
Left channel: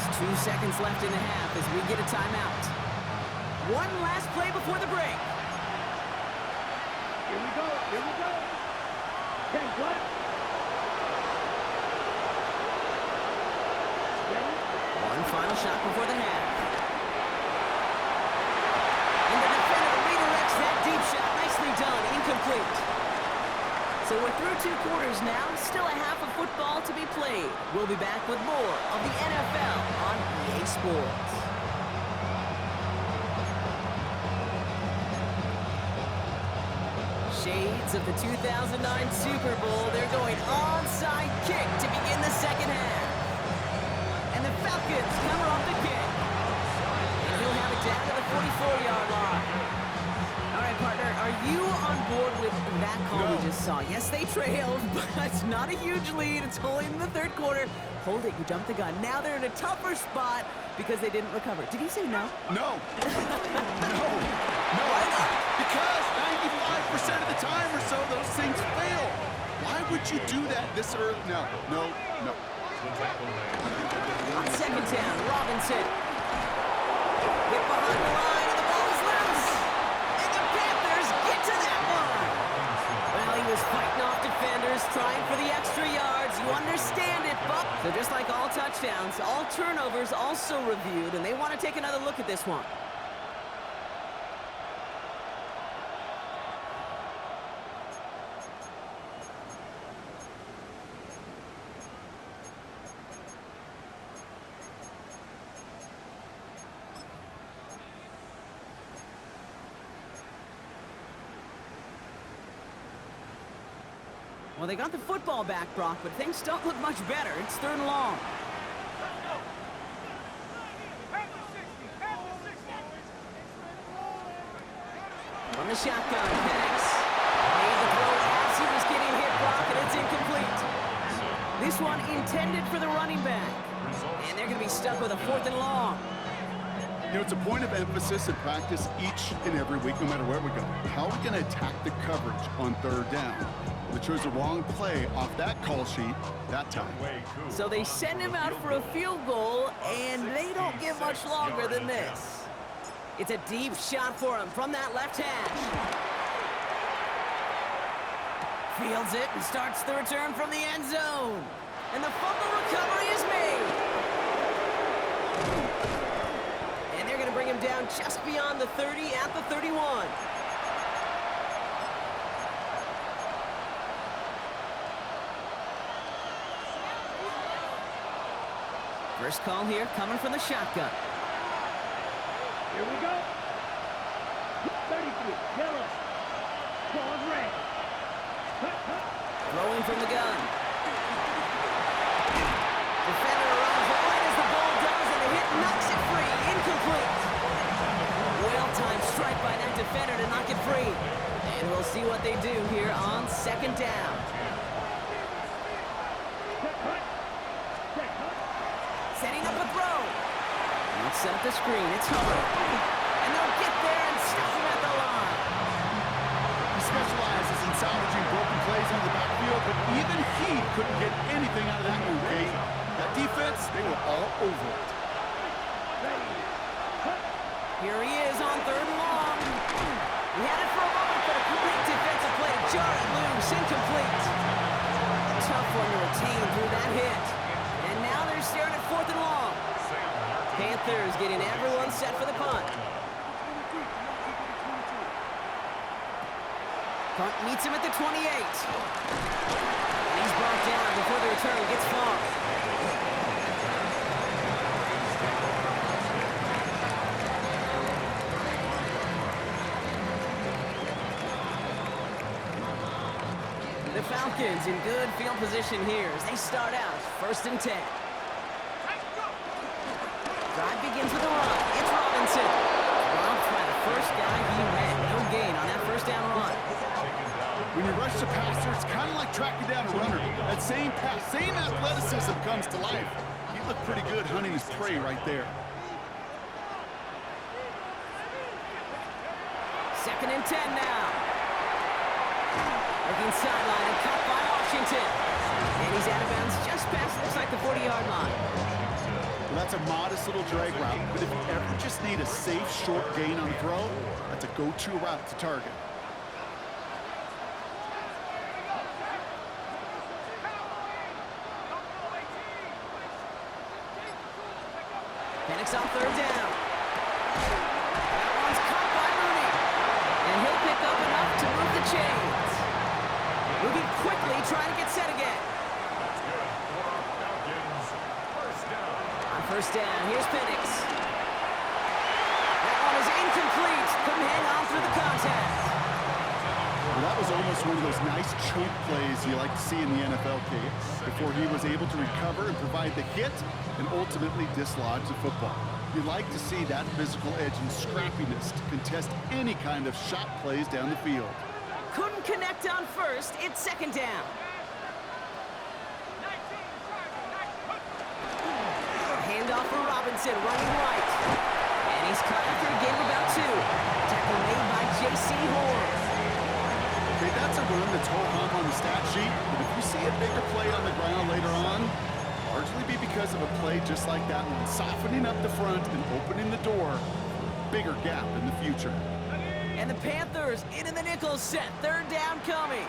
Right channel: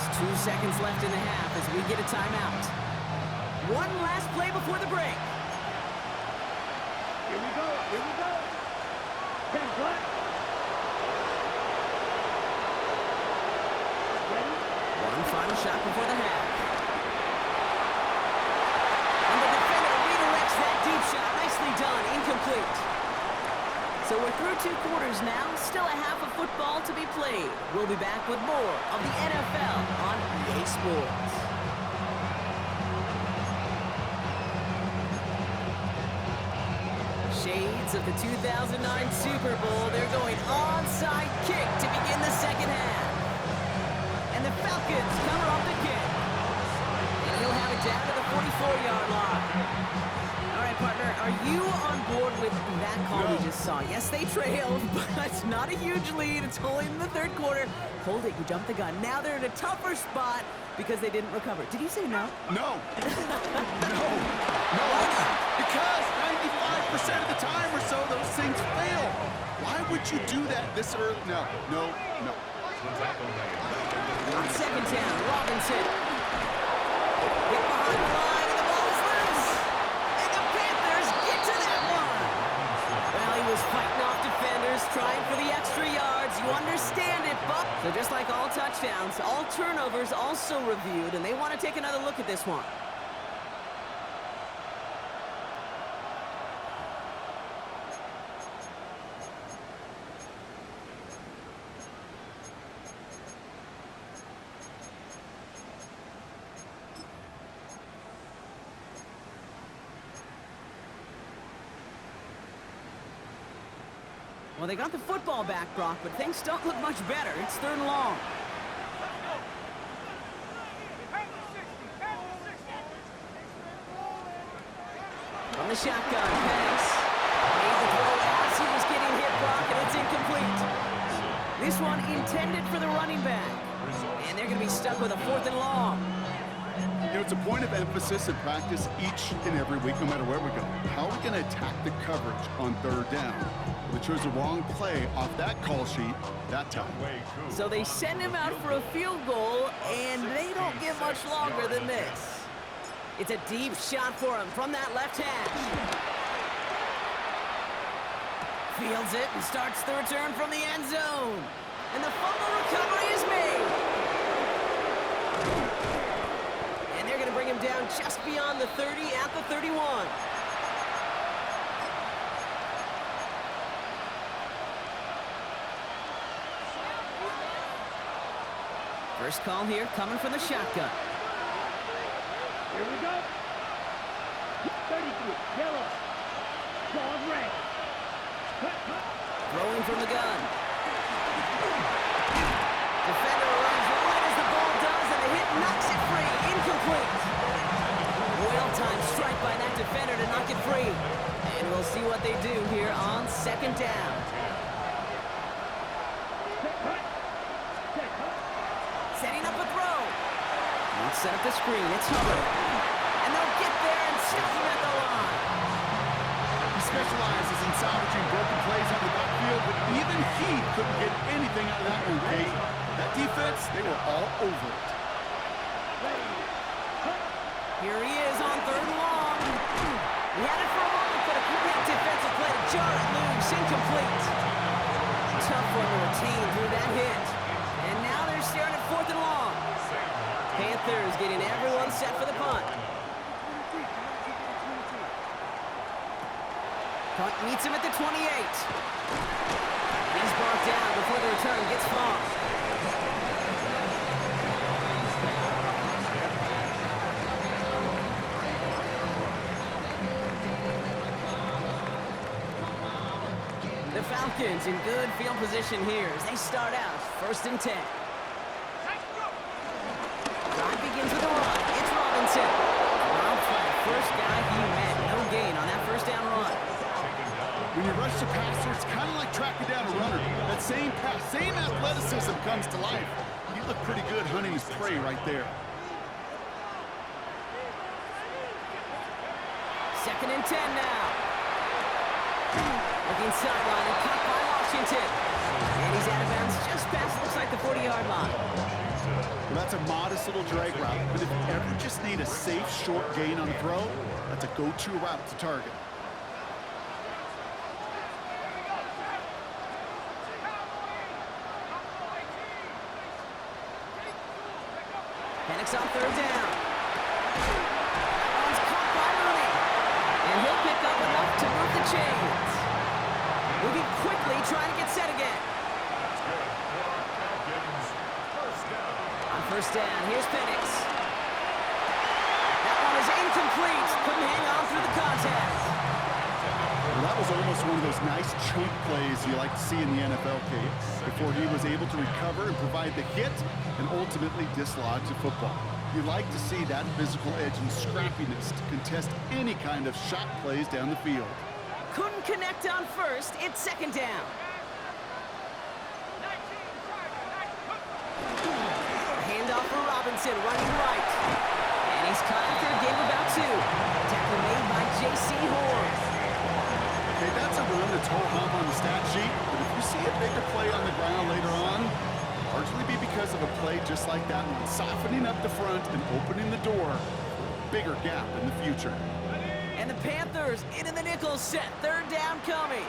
Just 2 seconds left in the half as we get a timeout. One last play before the break. Here we go. Here we go. 10 black. Ready? One final shot before the half. And the defender redirects that deep shot. Nicely done. Incomplete. So we're through 2 quarters now. Still a half of football to be played. We'll be back with more of the NFL on EA Sports. Shades of the 2009 Super Bowl. They're going onside kick to begin the second half. And the Falcons cover off the kick. And he'll have it down to the 44-yard line. All right, partner. Are you on board with that call No. we just saw? Yes, they trailed, but it's not a huge lead. It's only in the third quarter. Hold it, you jumped the gun. Now they're in a tougher spot because they didn't recover. Did he say no? No. No. Why not? Because 95% of the time or so, those things fail. Why would you do that this early? No. The tackle made. On second down, Robinson. Hit behind the line, and the ball is loose. And the Panthers get to that one. Well, he was fighting off defenders, trying for the extra yards. You understand it, but so just like all touchdowns, all turnovers also reviewed, and they want to take another look at this one. Well, they got the football back, Brock, but things don't look much better. It's third and long. From the shotgun, Penix made the throw as he was getting hit, Brock, and it's incomplete. This one intended for the running back. And they're going to be stuck with a fourth and long. You know, it's a point of emphasis in practice each and every week, no matter where we go. How are we going to attack the coverage on third down? They chose the wrong play off that call sheet that time. So they send him out for a field goal, and they don't get much longer than this. It's a deep shot for him from that left hash. Fields it and starts the return from the end zone. And the fumble recovery is made. And they're going to bring him down just beyond the 30 at the 31. First call here coming from the shotgun. Here we go. 33, yellow. Claws red. Cut. Throwing from the gun. Defender arrives right as the ball does, and the hit knocks it free. Incomplete. Well-timed strike by that defender to knock it free. And we'll see what they do here on second down. Cut. Setting up a throw. Let's set up the screen. It's Hubbard. And they'll get there and stop him at the line. He specializes in salvaging broken plays out of the backfield, but even he couldn't get anything out of that one, Kate. That defense, they were all over it. Ready. Cut. Here he is on third and long. He had it for a moment, but a great defensive play to jar it loose. Incomplete. Tough one to retain through that hit. And now they're staring at fourth and long. Panthers getting everyone set for the punt. Punt meets him at the 28. And he's brought down before the return gets far. The Falcons in good field position here as they start out first and 10. Drive begins with a run. It's Robinson. Dropped by the first guy he met. No gain on that first down run. When you rush the passer, it's kind of like tracking down a runner. That same pass, same athleticism comes to life. He looked pretty good hunting his prey right there. Second and 10 now. Looking sideline and caught by Washington. And he's out of bounds just past, looks like the 40-yard line. Well, that's a modest little drag route, but if you ever just need a safe, short gain on a throw, that's a go-to route to target. Penix on third down. That one's caught by Mooney. And he'll pick up enough to move the chains. Moving quickly, trying to get set again. That's good for our Falcons. First down. On first down, here's Penix. That one is incomplete. Couldn't hang on through the contact. Well, that was almost one of those nice chunk plays you like to see in the NFL, Kate, before he was able to recover and provide the hit and ultimately dislodge the football. You like to see that physical edge and scrappiness to contest any kind of shot plays down the field. Couldn't connect on first. It's second down. Handoff for Robinson, running right. And he's cut after a gain of about 2. Tackle made by J.C. Horn. Okay, that's a run that's ho-hum on the stat sheet, but if you see a bigger play on the ground later on, largely be because of a play just like that one, softening up the front and opening the door for a bigger gap in the future. And the Panthers into the nickel set. Third down coming.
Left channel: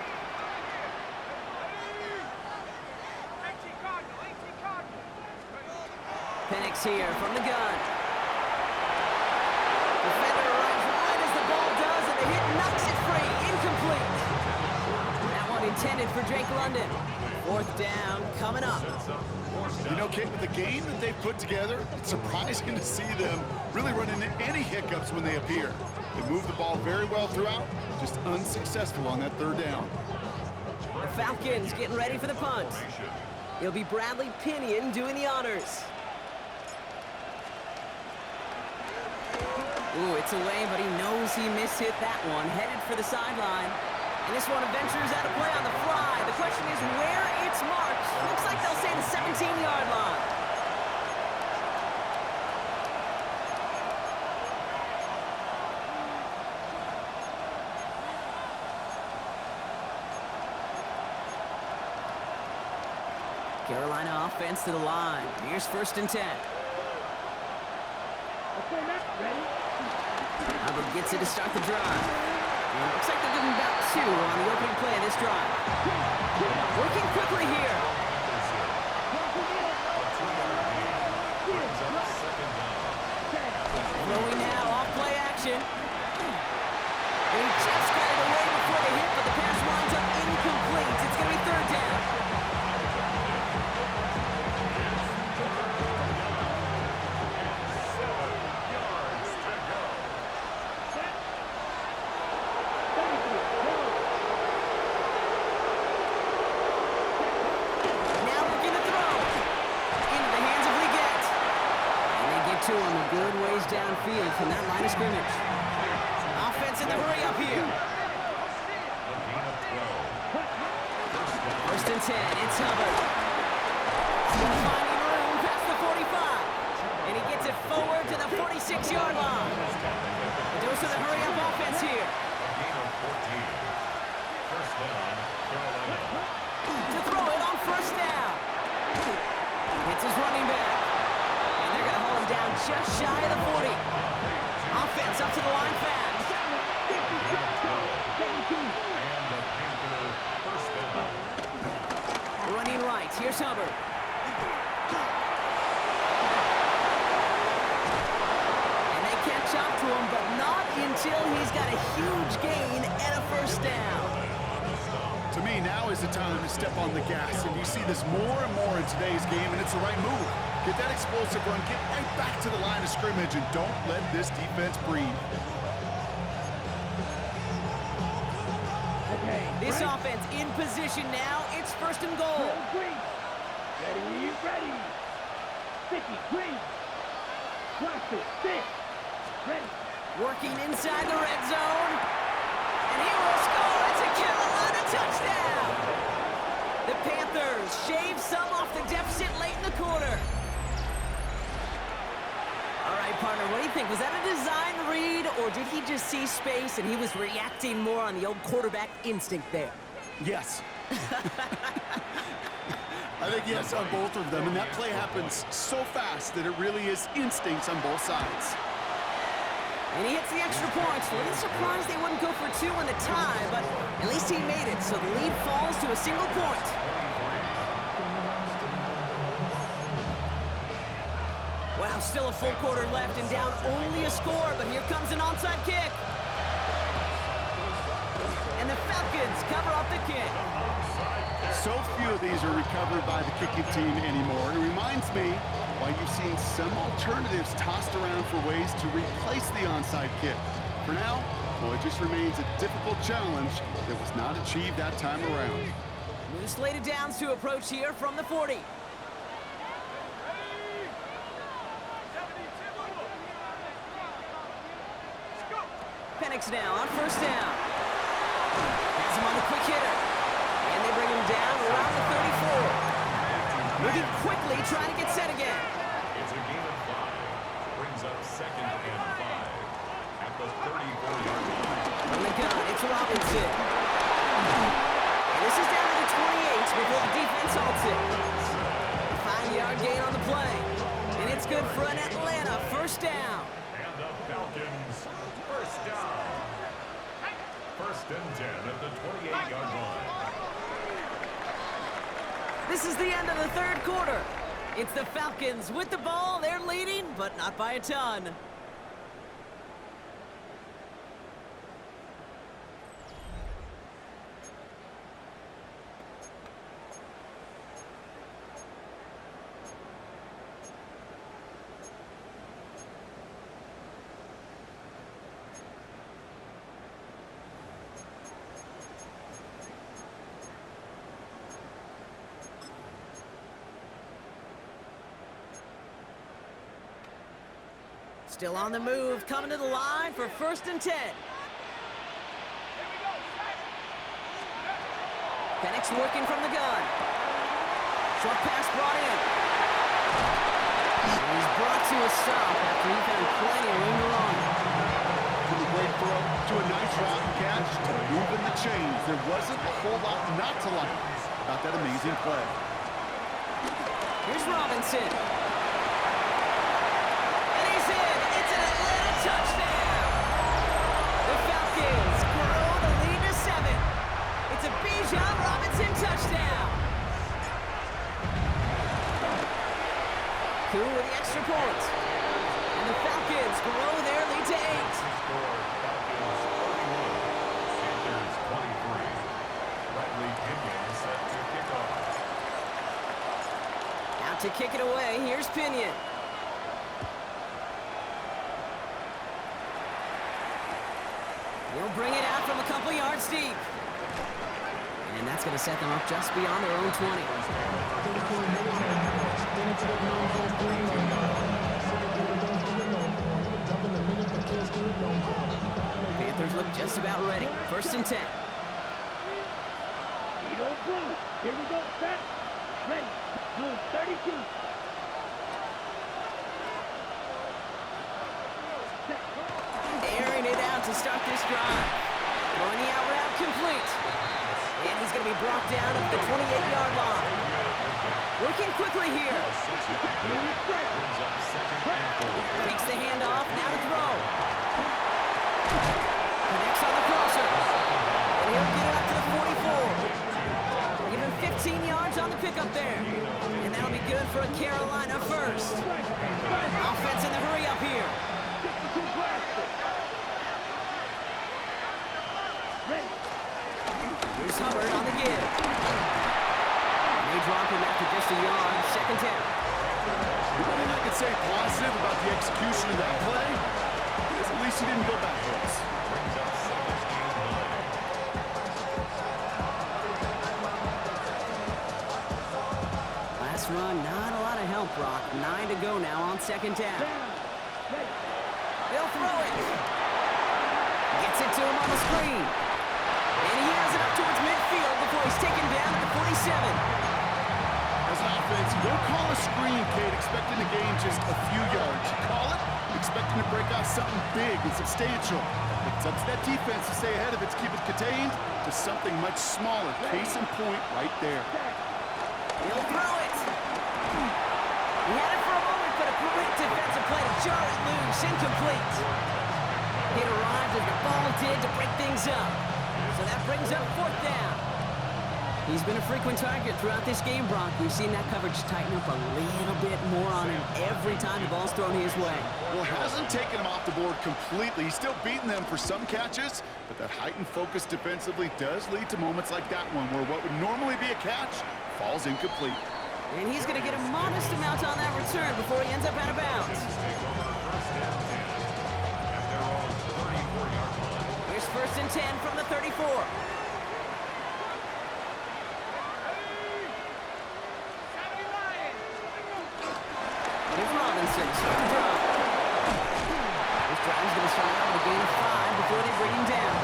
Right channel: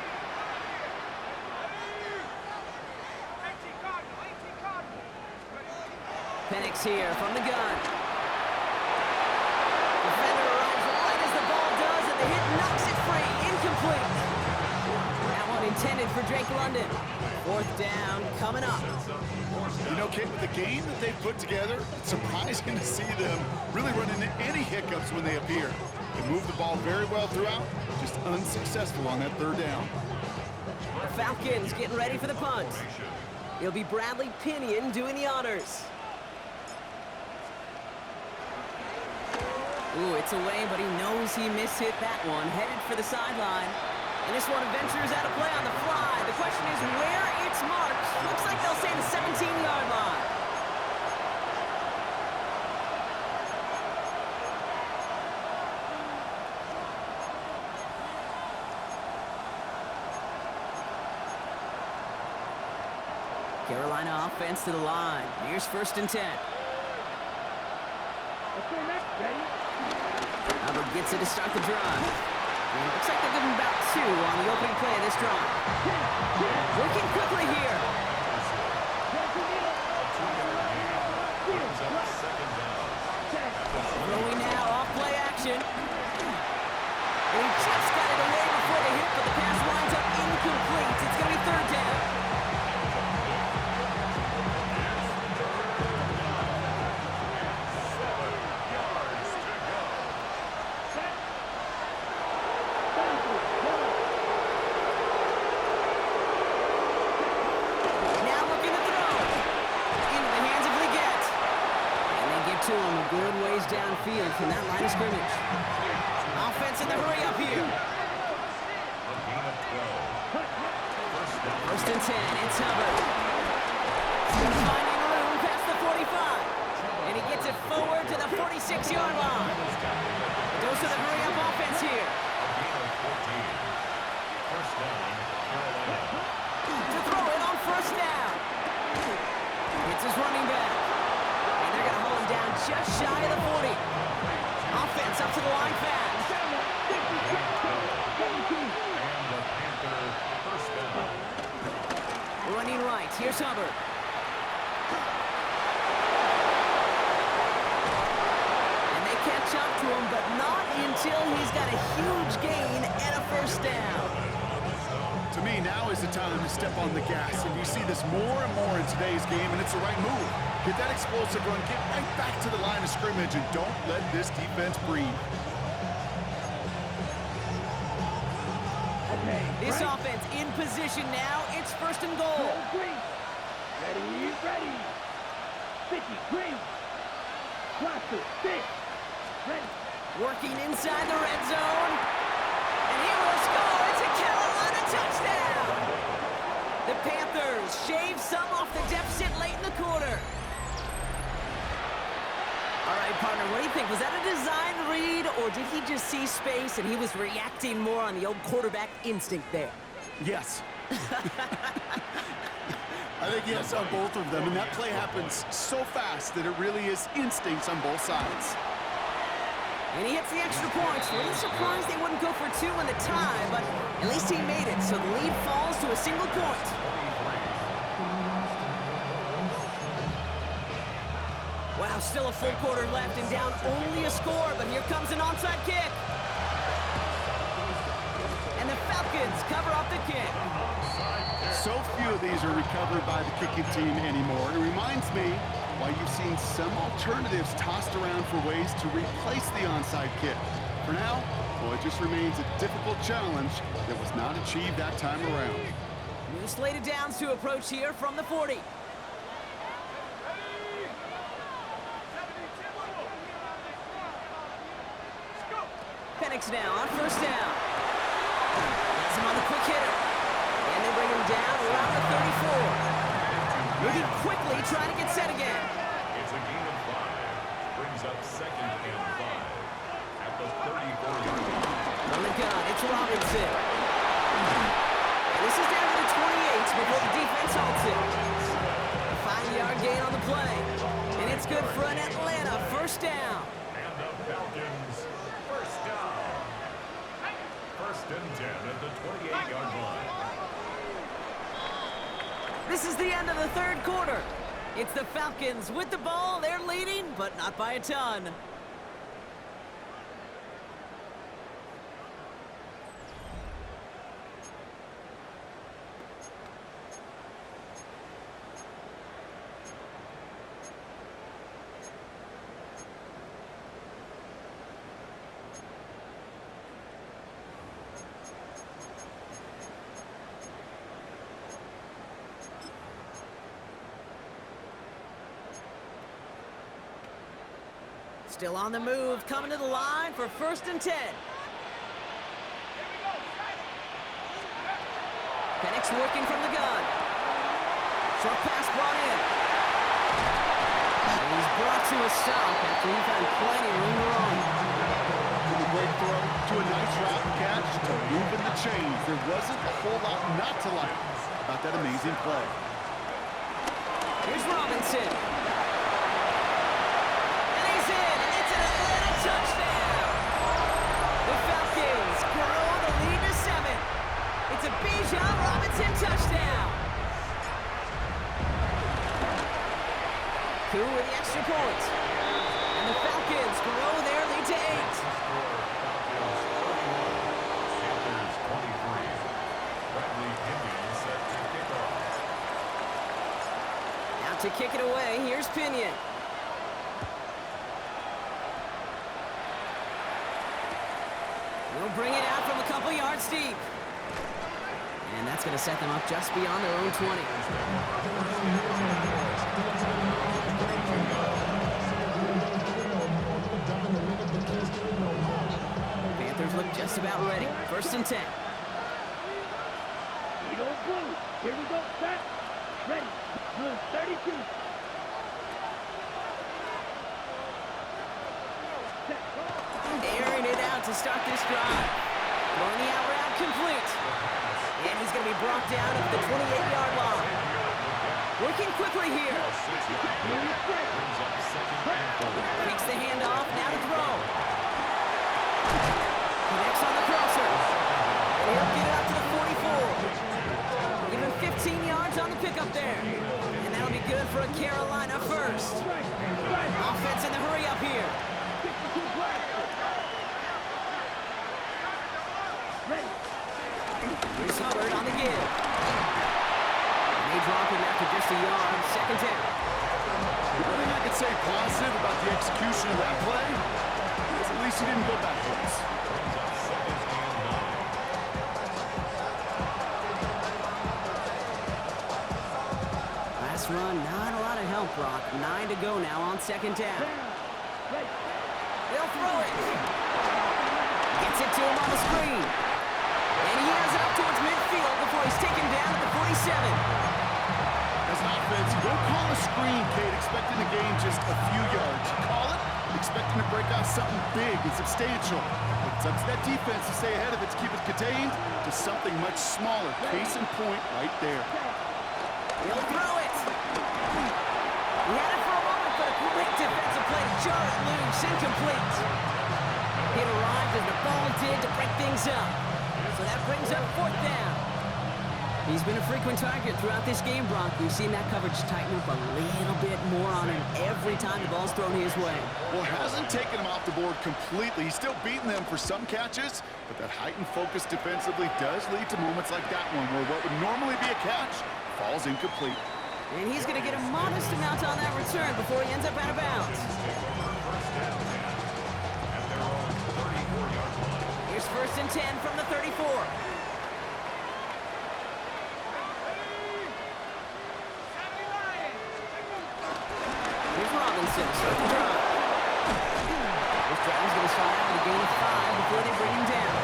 Penix here from the gun. Defender arrives right as the ball does, and the hit knocks it free. Incomplete. That one intended for Drake London. Fourth down coming up. You know, Kate, with the game that they've put together, it's surprising to see them really run into any hiccups when they appear. They move the ball very well throughout, just unsuccessful on that third down. The Falcons getting ready for the punt. It'll be Bradley Pinion doing the honors. Ooh, it's away, but he knows he mishit that one. Headed for the sideline. And this one ventures out of play on the fly. The question is where it's marked. Looks like they'll say the 17-yard line. Carolina offense to the line. Here's 1st and 10. Okay, next, ready? Hubbard gets it to start the drive. And it looks like they'll give him about 2 on the opening play of this drive. Working quickly here. Throwing now, off play action. And he just got it away before the hit, but the pass winds up incomplete. It's going to be 3rd down. To him a good ways downfield from that line of scrimmage. Offense in the hurry up here. 1st and 10, it's Hubbard. Still finding room past the 45. And he gets it forward to the 46-yard line. A dose of the hurry up offense here. To throw it on 1st down. It's his running back. And they're going to hold him down just shy of the 40. Offense up to the line fast. Running right. Here's Hubbard. And they catch up to him, but not until he's got a huge gain and a 1st down. To me, now is the time to step on the gas, and you see this more and more in today's game, and it's the right move. Get that explosive run, get right back to the line of scrimmage, and don't let this defense breathe. Okay, This right. offense in position now. It's 1st and goal. Green. Ready, ready. 50, green. Blaster, 6. Ready. Working inside the red zone. And he will score. It's a Carolina touchdown. The Panthers shave some off the deficit late in the quarter. All right, partner, what do you think? Was that a design read, or did he just see space and he was reacting more on the old quarterback instinct there? Yes. I think yes on both of them, and that play happens so fast that it really is instincts on both sides. And he hits the extra points. A little surprised they wouldn't go for 2 in the tie, but at least he made it, so the lead falls to a single point. Wow, still a full quarter left and down only a score, but here comes an onside kick. And the Falcons cover up the kick. So few of these are recovered by the kicking team anymore. It reminds me why you've seen some alternatives tossed around for ways to replace the onside kick. For now, well, it just remains a difficult challenge that was not achieved that time around. New slated downs to approach here from the 40. Penix now on first down. Has him on the quick hitter. And they bring him down around the 34. Moving quickly, trying to get set again. It's a gain of 5. Brings up 2nd and 5 at the 34-yard line. From the gun, it's Robinson. And this is down to the 28 before the defense halts it. A 5-yard gain on the play. And it's good for an Atlanta first down. And the Falcons, first down. 1st and 10 at the 28-yard line. This is the end of the third quarter. It's the Falcons with the ball. They're leading, but not by a ton. Still on the move, coming to the line for 1st and 10. Penix working from the gun. Short pass brought in. And he's brought to a stop after he found plenty of room to run. From a great throw to a nice route and catch to moving the chains. There wasn't a whole lot not to like about that amazing play. Here's Robinson. Touchdown! The Falcons grow the lead to 7. It's a Bijan Robinson touchdown. Koo with the extra point. And the Falcons grow their lead to 8. Score, Falcons 31, Panthers 23. Bradley Pinion set to kick off. Out to kick it away, here's Pinion. He'll bring it out from a couple yards deep. And that's going to set them up just beyond their own 20. Panthers look just about ready. 1st and 10. Blue. Here we go. Set. Ready. Blue 32. Airing it out to start this drive. Throwing the out route complete. And he's going to be brought down at the 28-yard line. Working quickly here. Takes the handoff, now to throw. Connects on the crosser. And he'll get it up to the 44. Give him 15 yards on the pickup there. And that'll be good for a Carolina first. Offense in the hurry up here. Here's Hubbard on the give. And they drop him after just a yard. 2nd down. The only thing I could say positive about the execution of that play is at least he didn't go backwards. Last run, not a lot of help, Brock. 9 to go now on 2nd down. They'll throw it. Gets it to him on the screen. And he has it up towards midfield before he's taken down at the 47. As an offense, you don't call a screen, Kate, expecting to gain just a few yards. You call it expecting to break out something big and substantial. It's up to that defense to stay ahead of it, to keep it contained to something much smaller. Case in point right there. He'll throw it. He had it for a moment, but a great defensive play to jar it loose. Incomplete. It arrived as the ball did to break things up. So that brings up 4th down. He's been a frequent target throughout this game, Brock. We've seen that coverage tighten up a little bit more on him every time the ball's thrown his way. Well, it hasn't taken him off the board completely. He's still beating them for some catches, but that heightened focus defensively does lead to moments like that one where what would normally be a catch falls incomplete. And he's going to get a modest amount on that return before he ends up out of bounds. Here's 1st and 10 from the 34. Here's Robinson, start the drive. Here's drive's going to start out with a gain of 5 before they bring him down.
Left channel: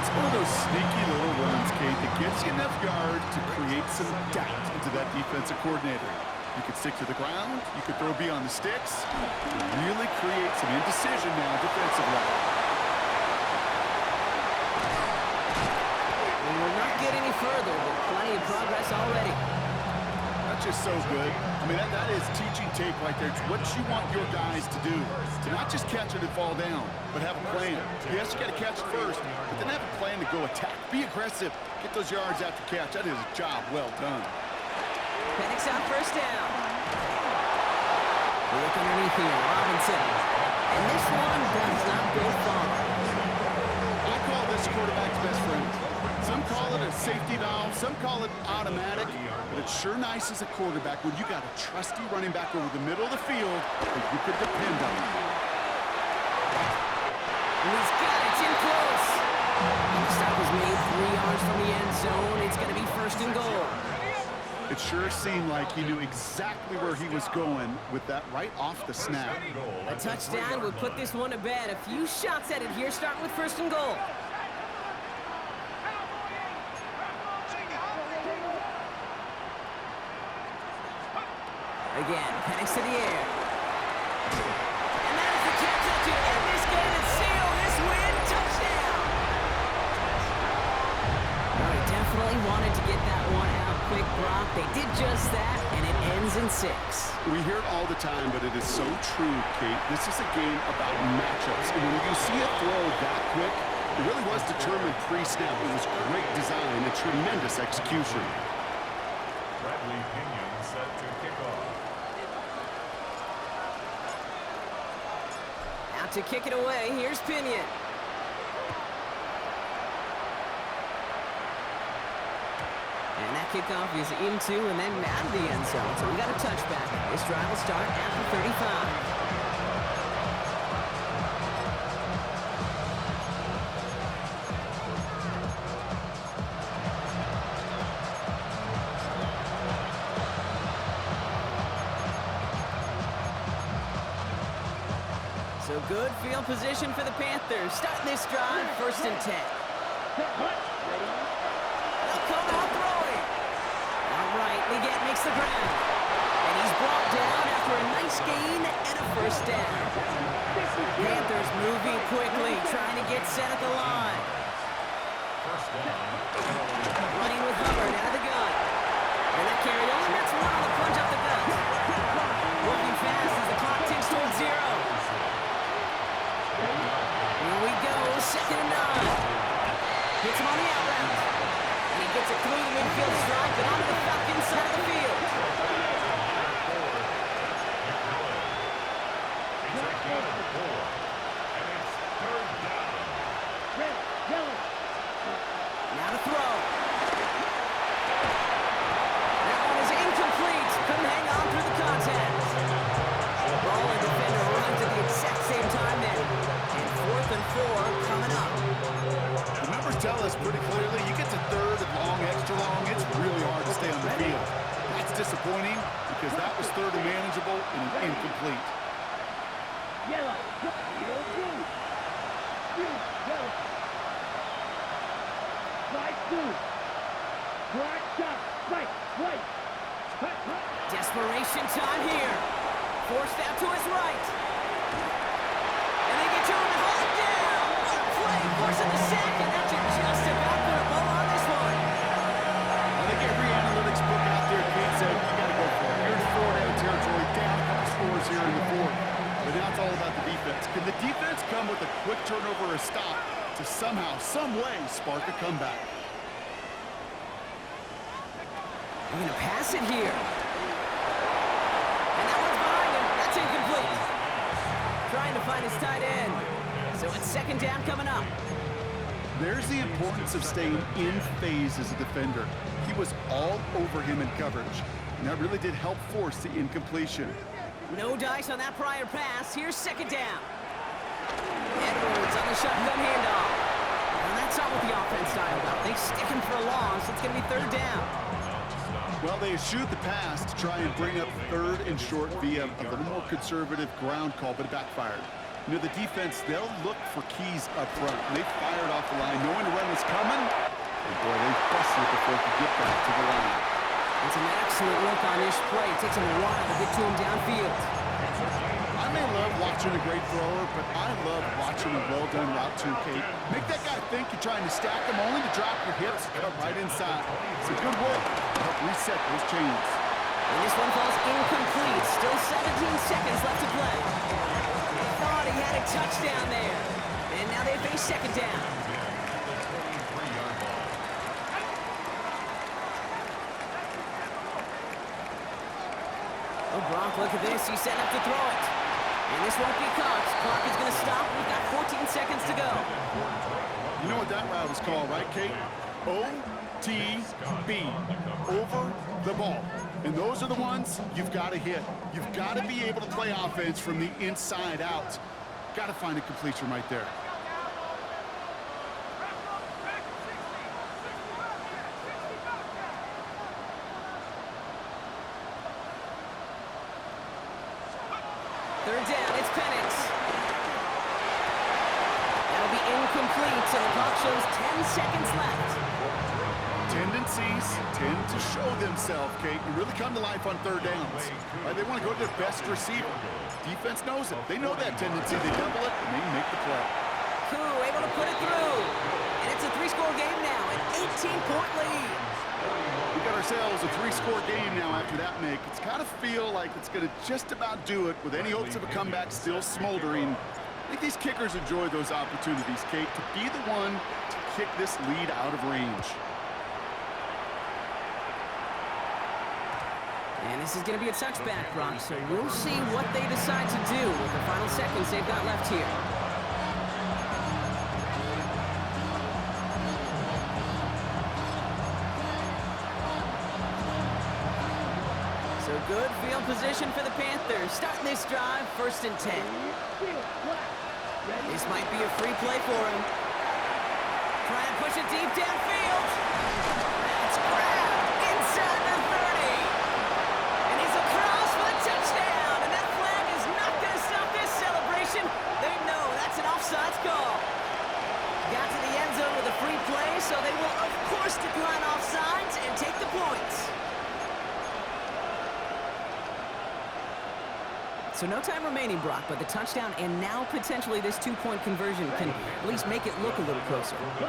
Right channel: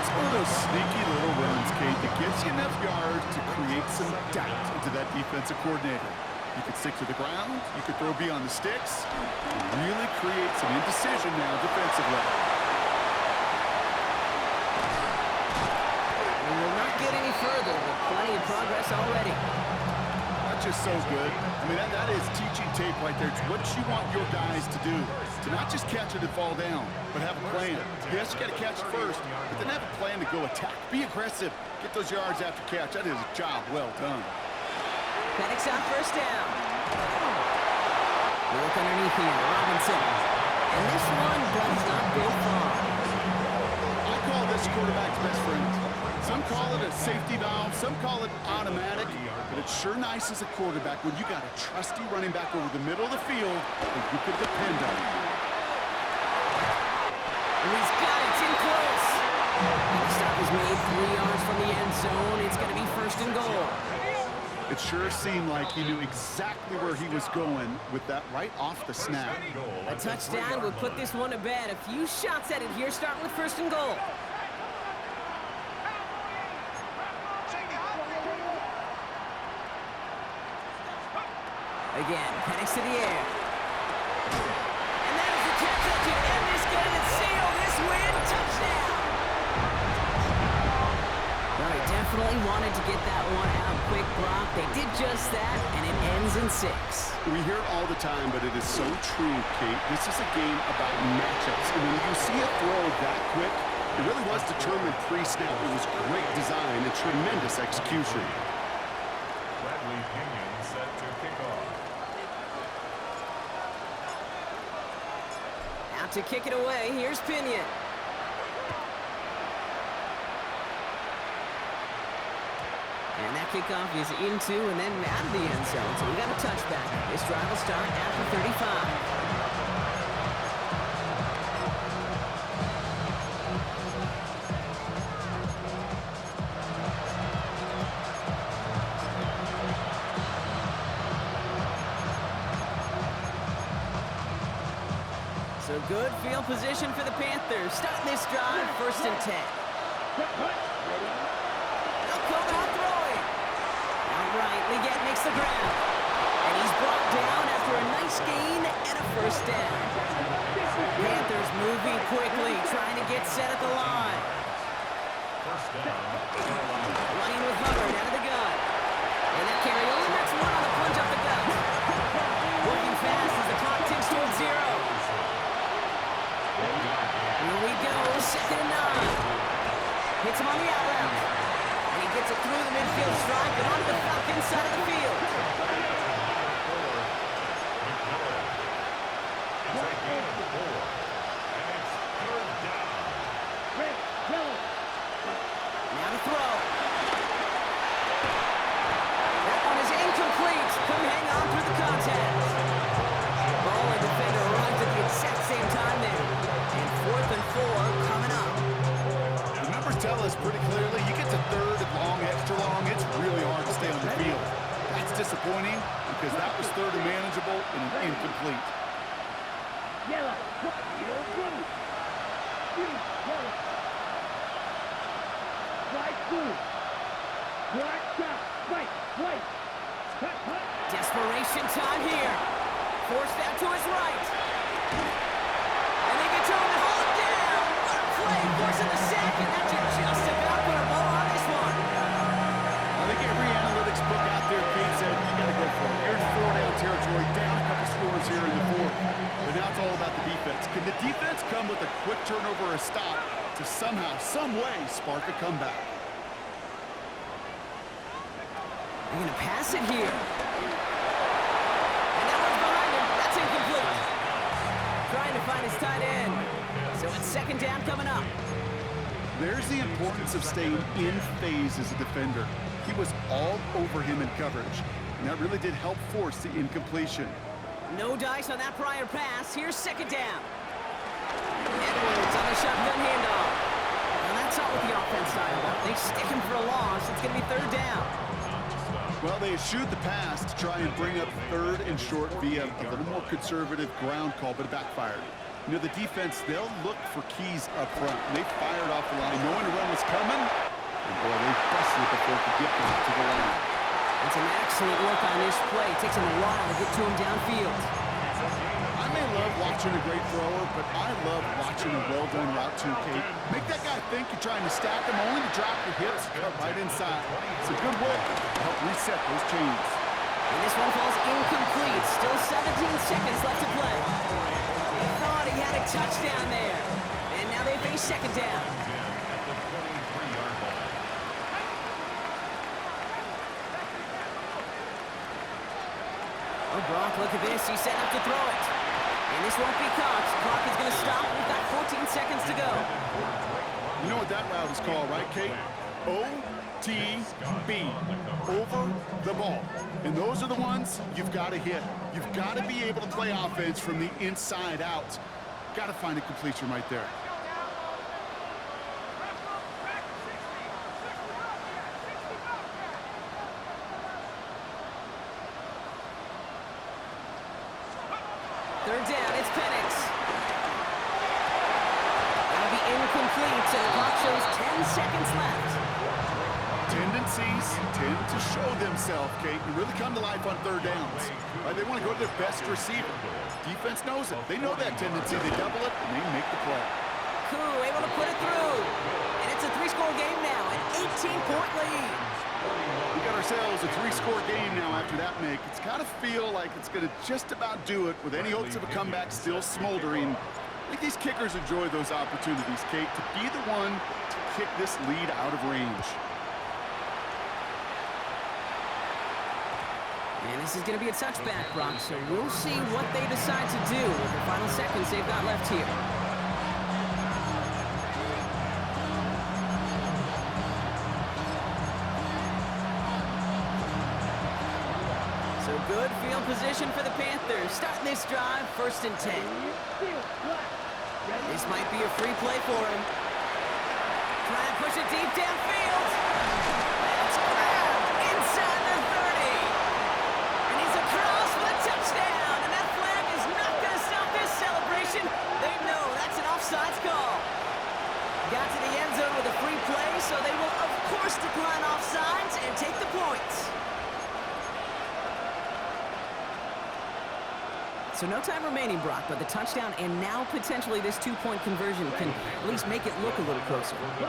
It's one of those sneaky little runs, Kate, that gets you enough yards to create some doubt into that defensive coordinator. You could stick to the ground, you could throw beyond the sticks, really create some indecision now defensively. We will not get any further, but plenty of progress already. That's just so good. I mean, that is teaching tape right there. It's what you want your guys to do. To not just catch it and fall down, but have a plan. Yes, you got to catch it first, but then have a plan to go attack. Be aggressive. Get those yards after catch. That is a job well done. Penix on first down. We look underneath here. Robinson. And this one does not go far. I call this quarterback's best friend. Some call it a safety valve, some call it automatic, but it's sure nice as a quarterback when you got a trusty running back over the middle of the field that you could depend on. And he's got it. It's in close. And the stop is made 3 yards from the end zone. It's going to be first and goal. It sure seemed like he knew exactly where he was going with that right off the snap. A touchdown would put this one to bed. A few shots at it here, starting with first and goal. Again, Penix to the air. And that is the catch that should end this game and seal this win. Touchdown! Well, he definitely wanted to get that one out quick, Brock. They did just that, and it ends in 6. We hear it all the time, but it is so true, Kate. This is a game about matchups. And when you see a throw that quick, it really was determined pre-snap. It was great design and tremendous execution. Bradley Pinion set to kick off. Out to kick it away, here's Pinion. And that kickoff is into and then out of the end zone. So we got a touchback. This drive will start after 35. So good field position for the Panthers. Starting this drive, first and 10. They'll come out throwing. Outright, Leggett makes the ground. And he's brought down after a nice gain and a first down. Panthers moving quickly, trying to get set at the line. First down. Running with Hubbard out of the gun. And that carry only nets 1 on the plunge up the gut. Working fast as the clock ticks towards 0. Here we go, second and 9. Hits him on the out route. And he gets it through the midfield strike and onto the Falcons side of the field. It's a gain of 4. And it's third down. Red, yellow. Now to throw. That one is incomplete. Couldn't hang on through the contact. Ball and defender arrived at the exact same time there. And 4th and 4 coming up. The numbers tell us pretty clearly, you get to third and long, extra long, it's really hard to stay on the field. That's disappointing because that was third and manageable and an incomplete. Yellow. Yellow, blue. Blue, yellow. White, blue. Black, shot. White, white. Cut, cut. Desperation time here. Forced out to his right. And they get to him and hold him down. What a play, forcing the sack, and that should just about put a bow on this one. I think every analytics book out there, Kate said, you got to go for it. You're in 4-down territory, down a couple scores here in the 4th. But now it's all about the defense. Can the defense come with a quick turnover or a stop to somehow, some way, spark a comeback? They're going to pass it here. And that one's behind him. That's incomplete. Trying to find his tight end. So it's second down coming up. There's the importance of staying in phase as a defender. He was all over him in coverage, and that really did help force the incompletion. No dice on that prior pass. Here's second down. Edwards on the shotgun handoff. Now that's not what the offense styled up. They stick him for a loss. It's going to be third down. Well, they eschewed the pass to try and bring up third and short via a little more conservative ground call, but it backfired. You know, the defense, they'll look for keys up front. They fired off the line, knowing the run was coming. And boy, they busted it before it could get back to the line. And some excellent work on this play. It takes him a while to get to him downfield. I may love watching a great thrower, but I love watching a well-done route too, Kate. Make that guy think you're trying to stack him, only to drop your hips and cut right inside. It's a good work to help reset those chains. And this one falls incomplete. Still 17 seconds left to play. Thought he had a touchdown there. And now they face second down. At the 23-yard line. Oh, Brock, look at this. He's set up to throw it. And this won't be caught. Clock is going to stop. We've got 14 seconds to go. You know what that route is called, right, Kate? OTB, over the ball. And those are the ones you've got to hit. You've got to be able to play offense from the inside out. Got to find a completion right there. Third down, it's Penix. That'll be incomplete, and the clock shows 10 seconds left. Tendencies tend to show themselves, Kate, and really come to life on third downs. They want to go to their best receiver. Defense knows it. They know that tendency. They double it, and they make the play. Koo able to put it through. And it's a three-score game now, an 18-point lead. We got ourselves a three-score game now after that make. It's got to feel like it's going to just about do it with any hopes of a comeback still smoldering. I think these kickers enjoy those opportunities, Kate, to be the one to kick this lead out of range. And this is going to be a touchback, Brock, so we'll see what they decide to do with the final seconds they've got left here. So good field position for the Panthers. Starting this drive, 1st and 10. This might be a free play for him. Try and push it deep downfield. That's grabbed inside the 30. And he's across for the touchdown. And that flag is not going to stop this celebration. They know that's an offsides call. Got to the end zone with a free play, so they will, of course, decline offsides and take the points. So no time remaining, Brock, but the touchdown and now potentially this two-point conversion can at least make it look a little closer. Here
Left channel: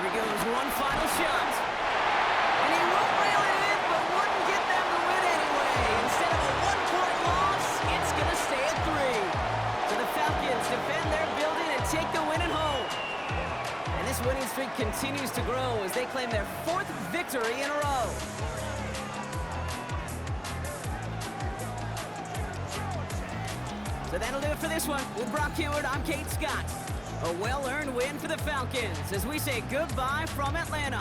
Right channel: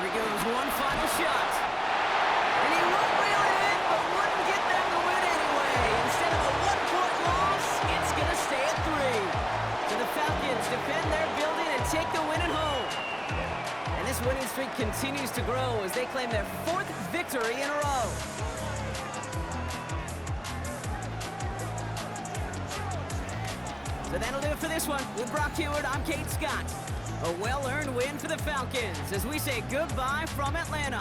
he goes, one final shot. And he won't reel it in, but wouldn't get them the win anyway. Instead of a one-point loss, it's going to stay at 3. So the Falcons defend their building and take the win at home. And this winning streak continues to grow as they claim their 4th victory in a row. So that'll do it for this one. With Brock Hewitt, I'm Kate Scott. A well-earned win for the Falcons as we say goodbye from Atlanta.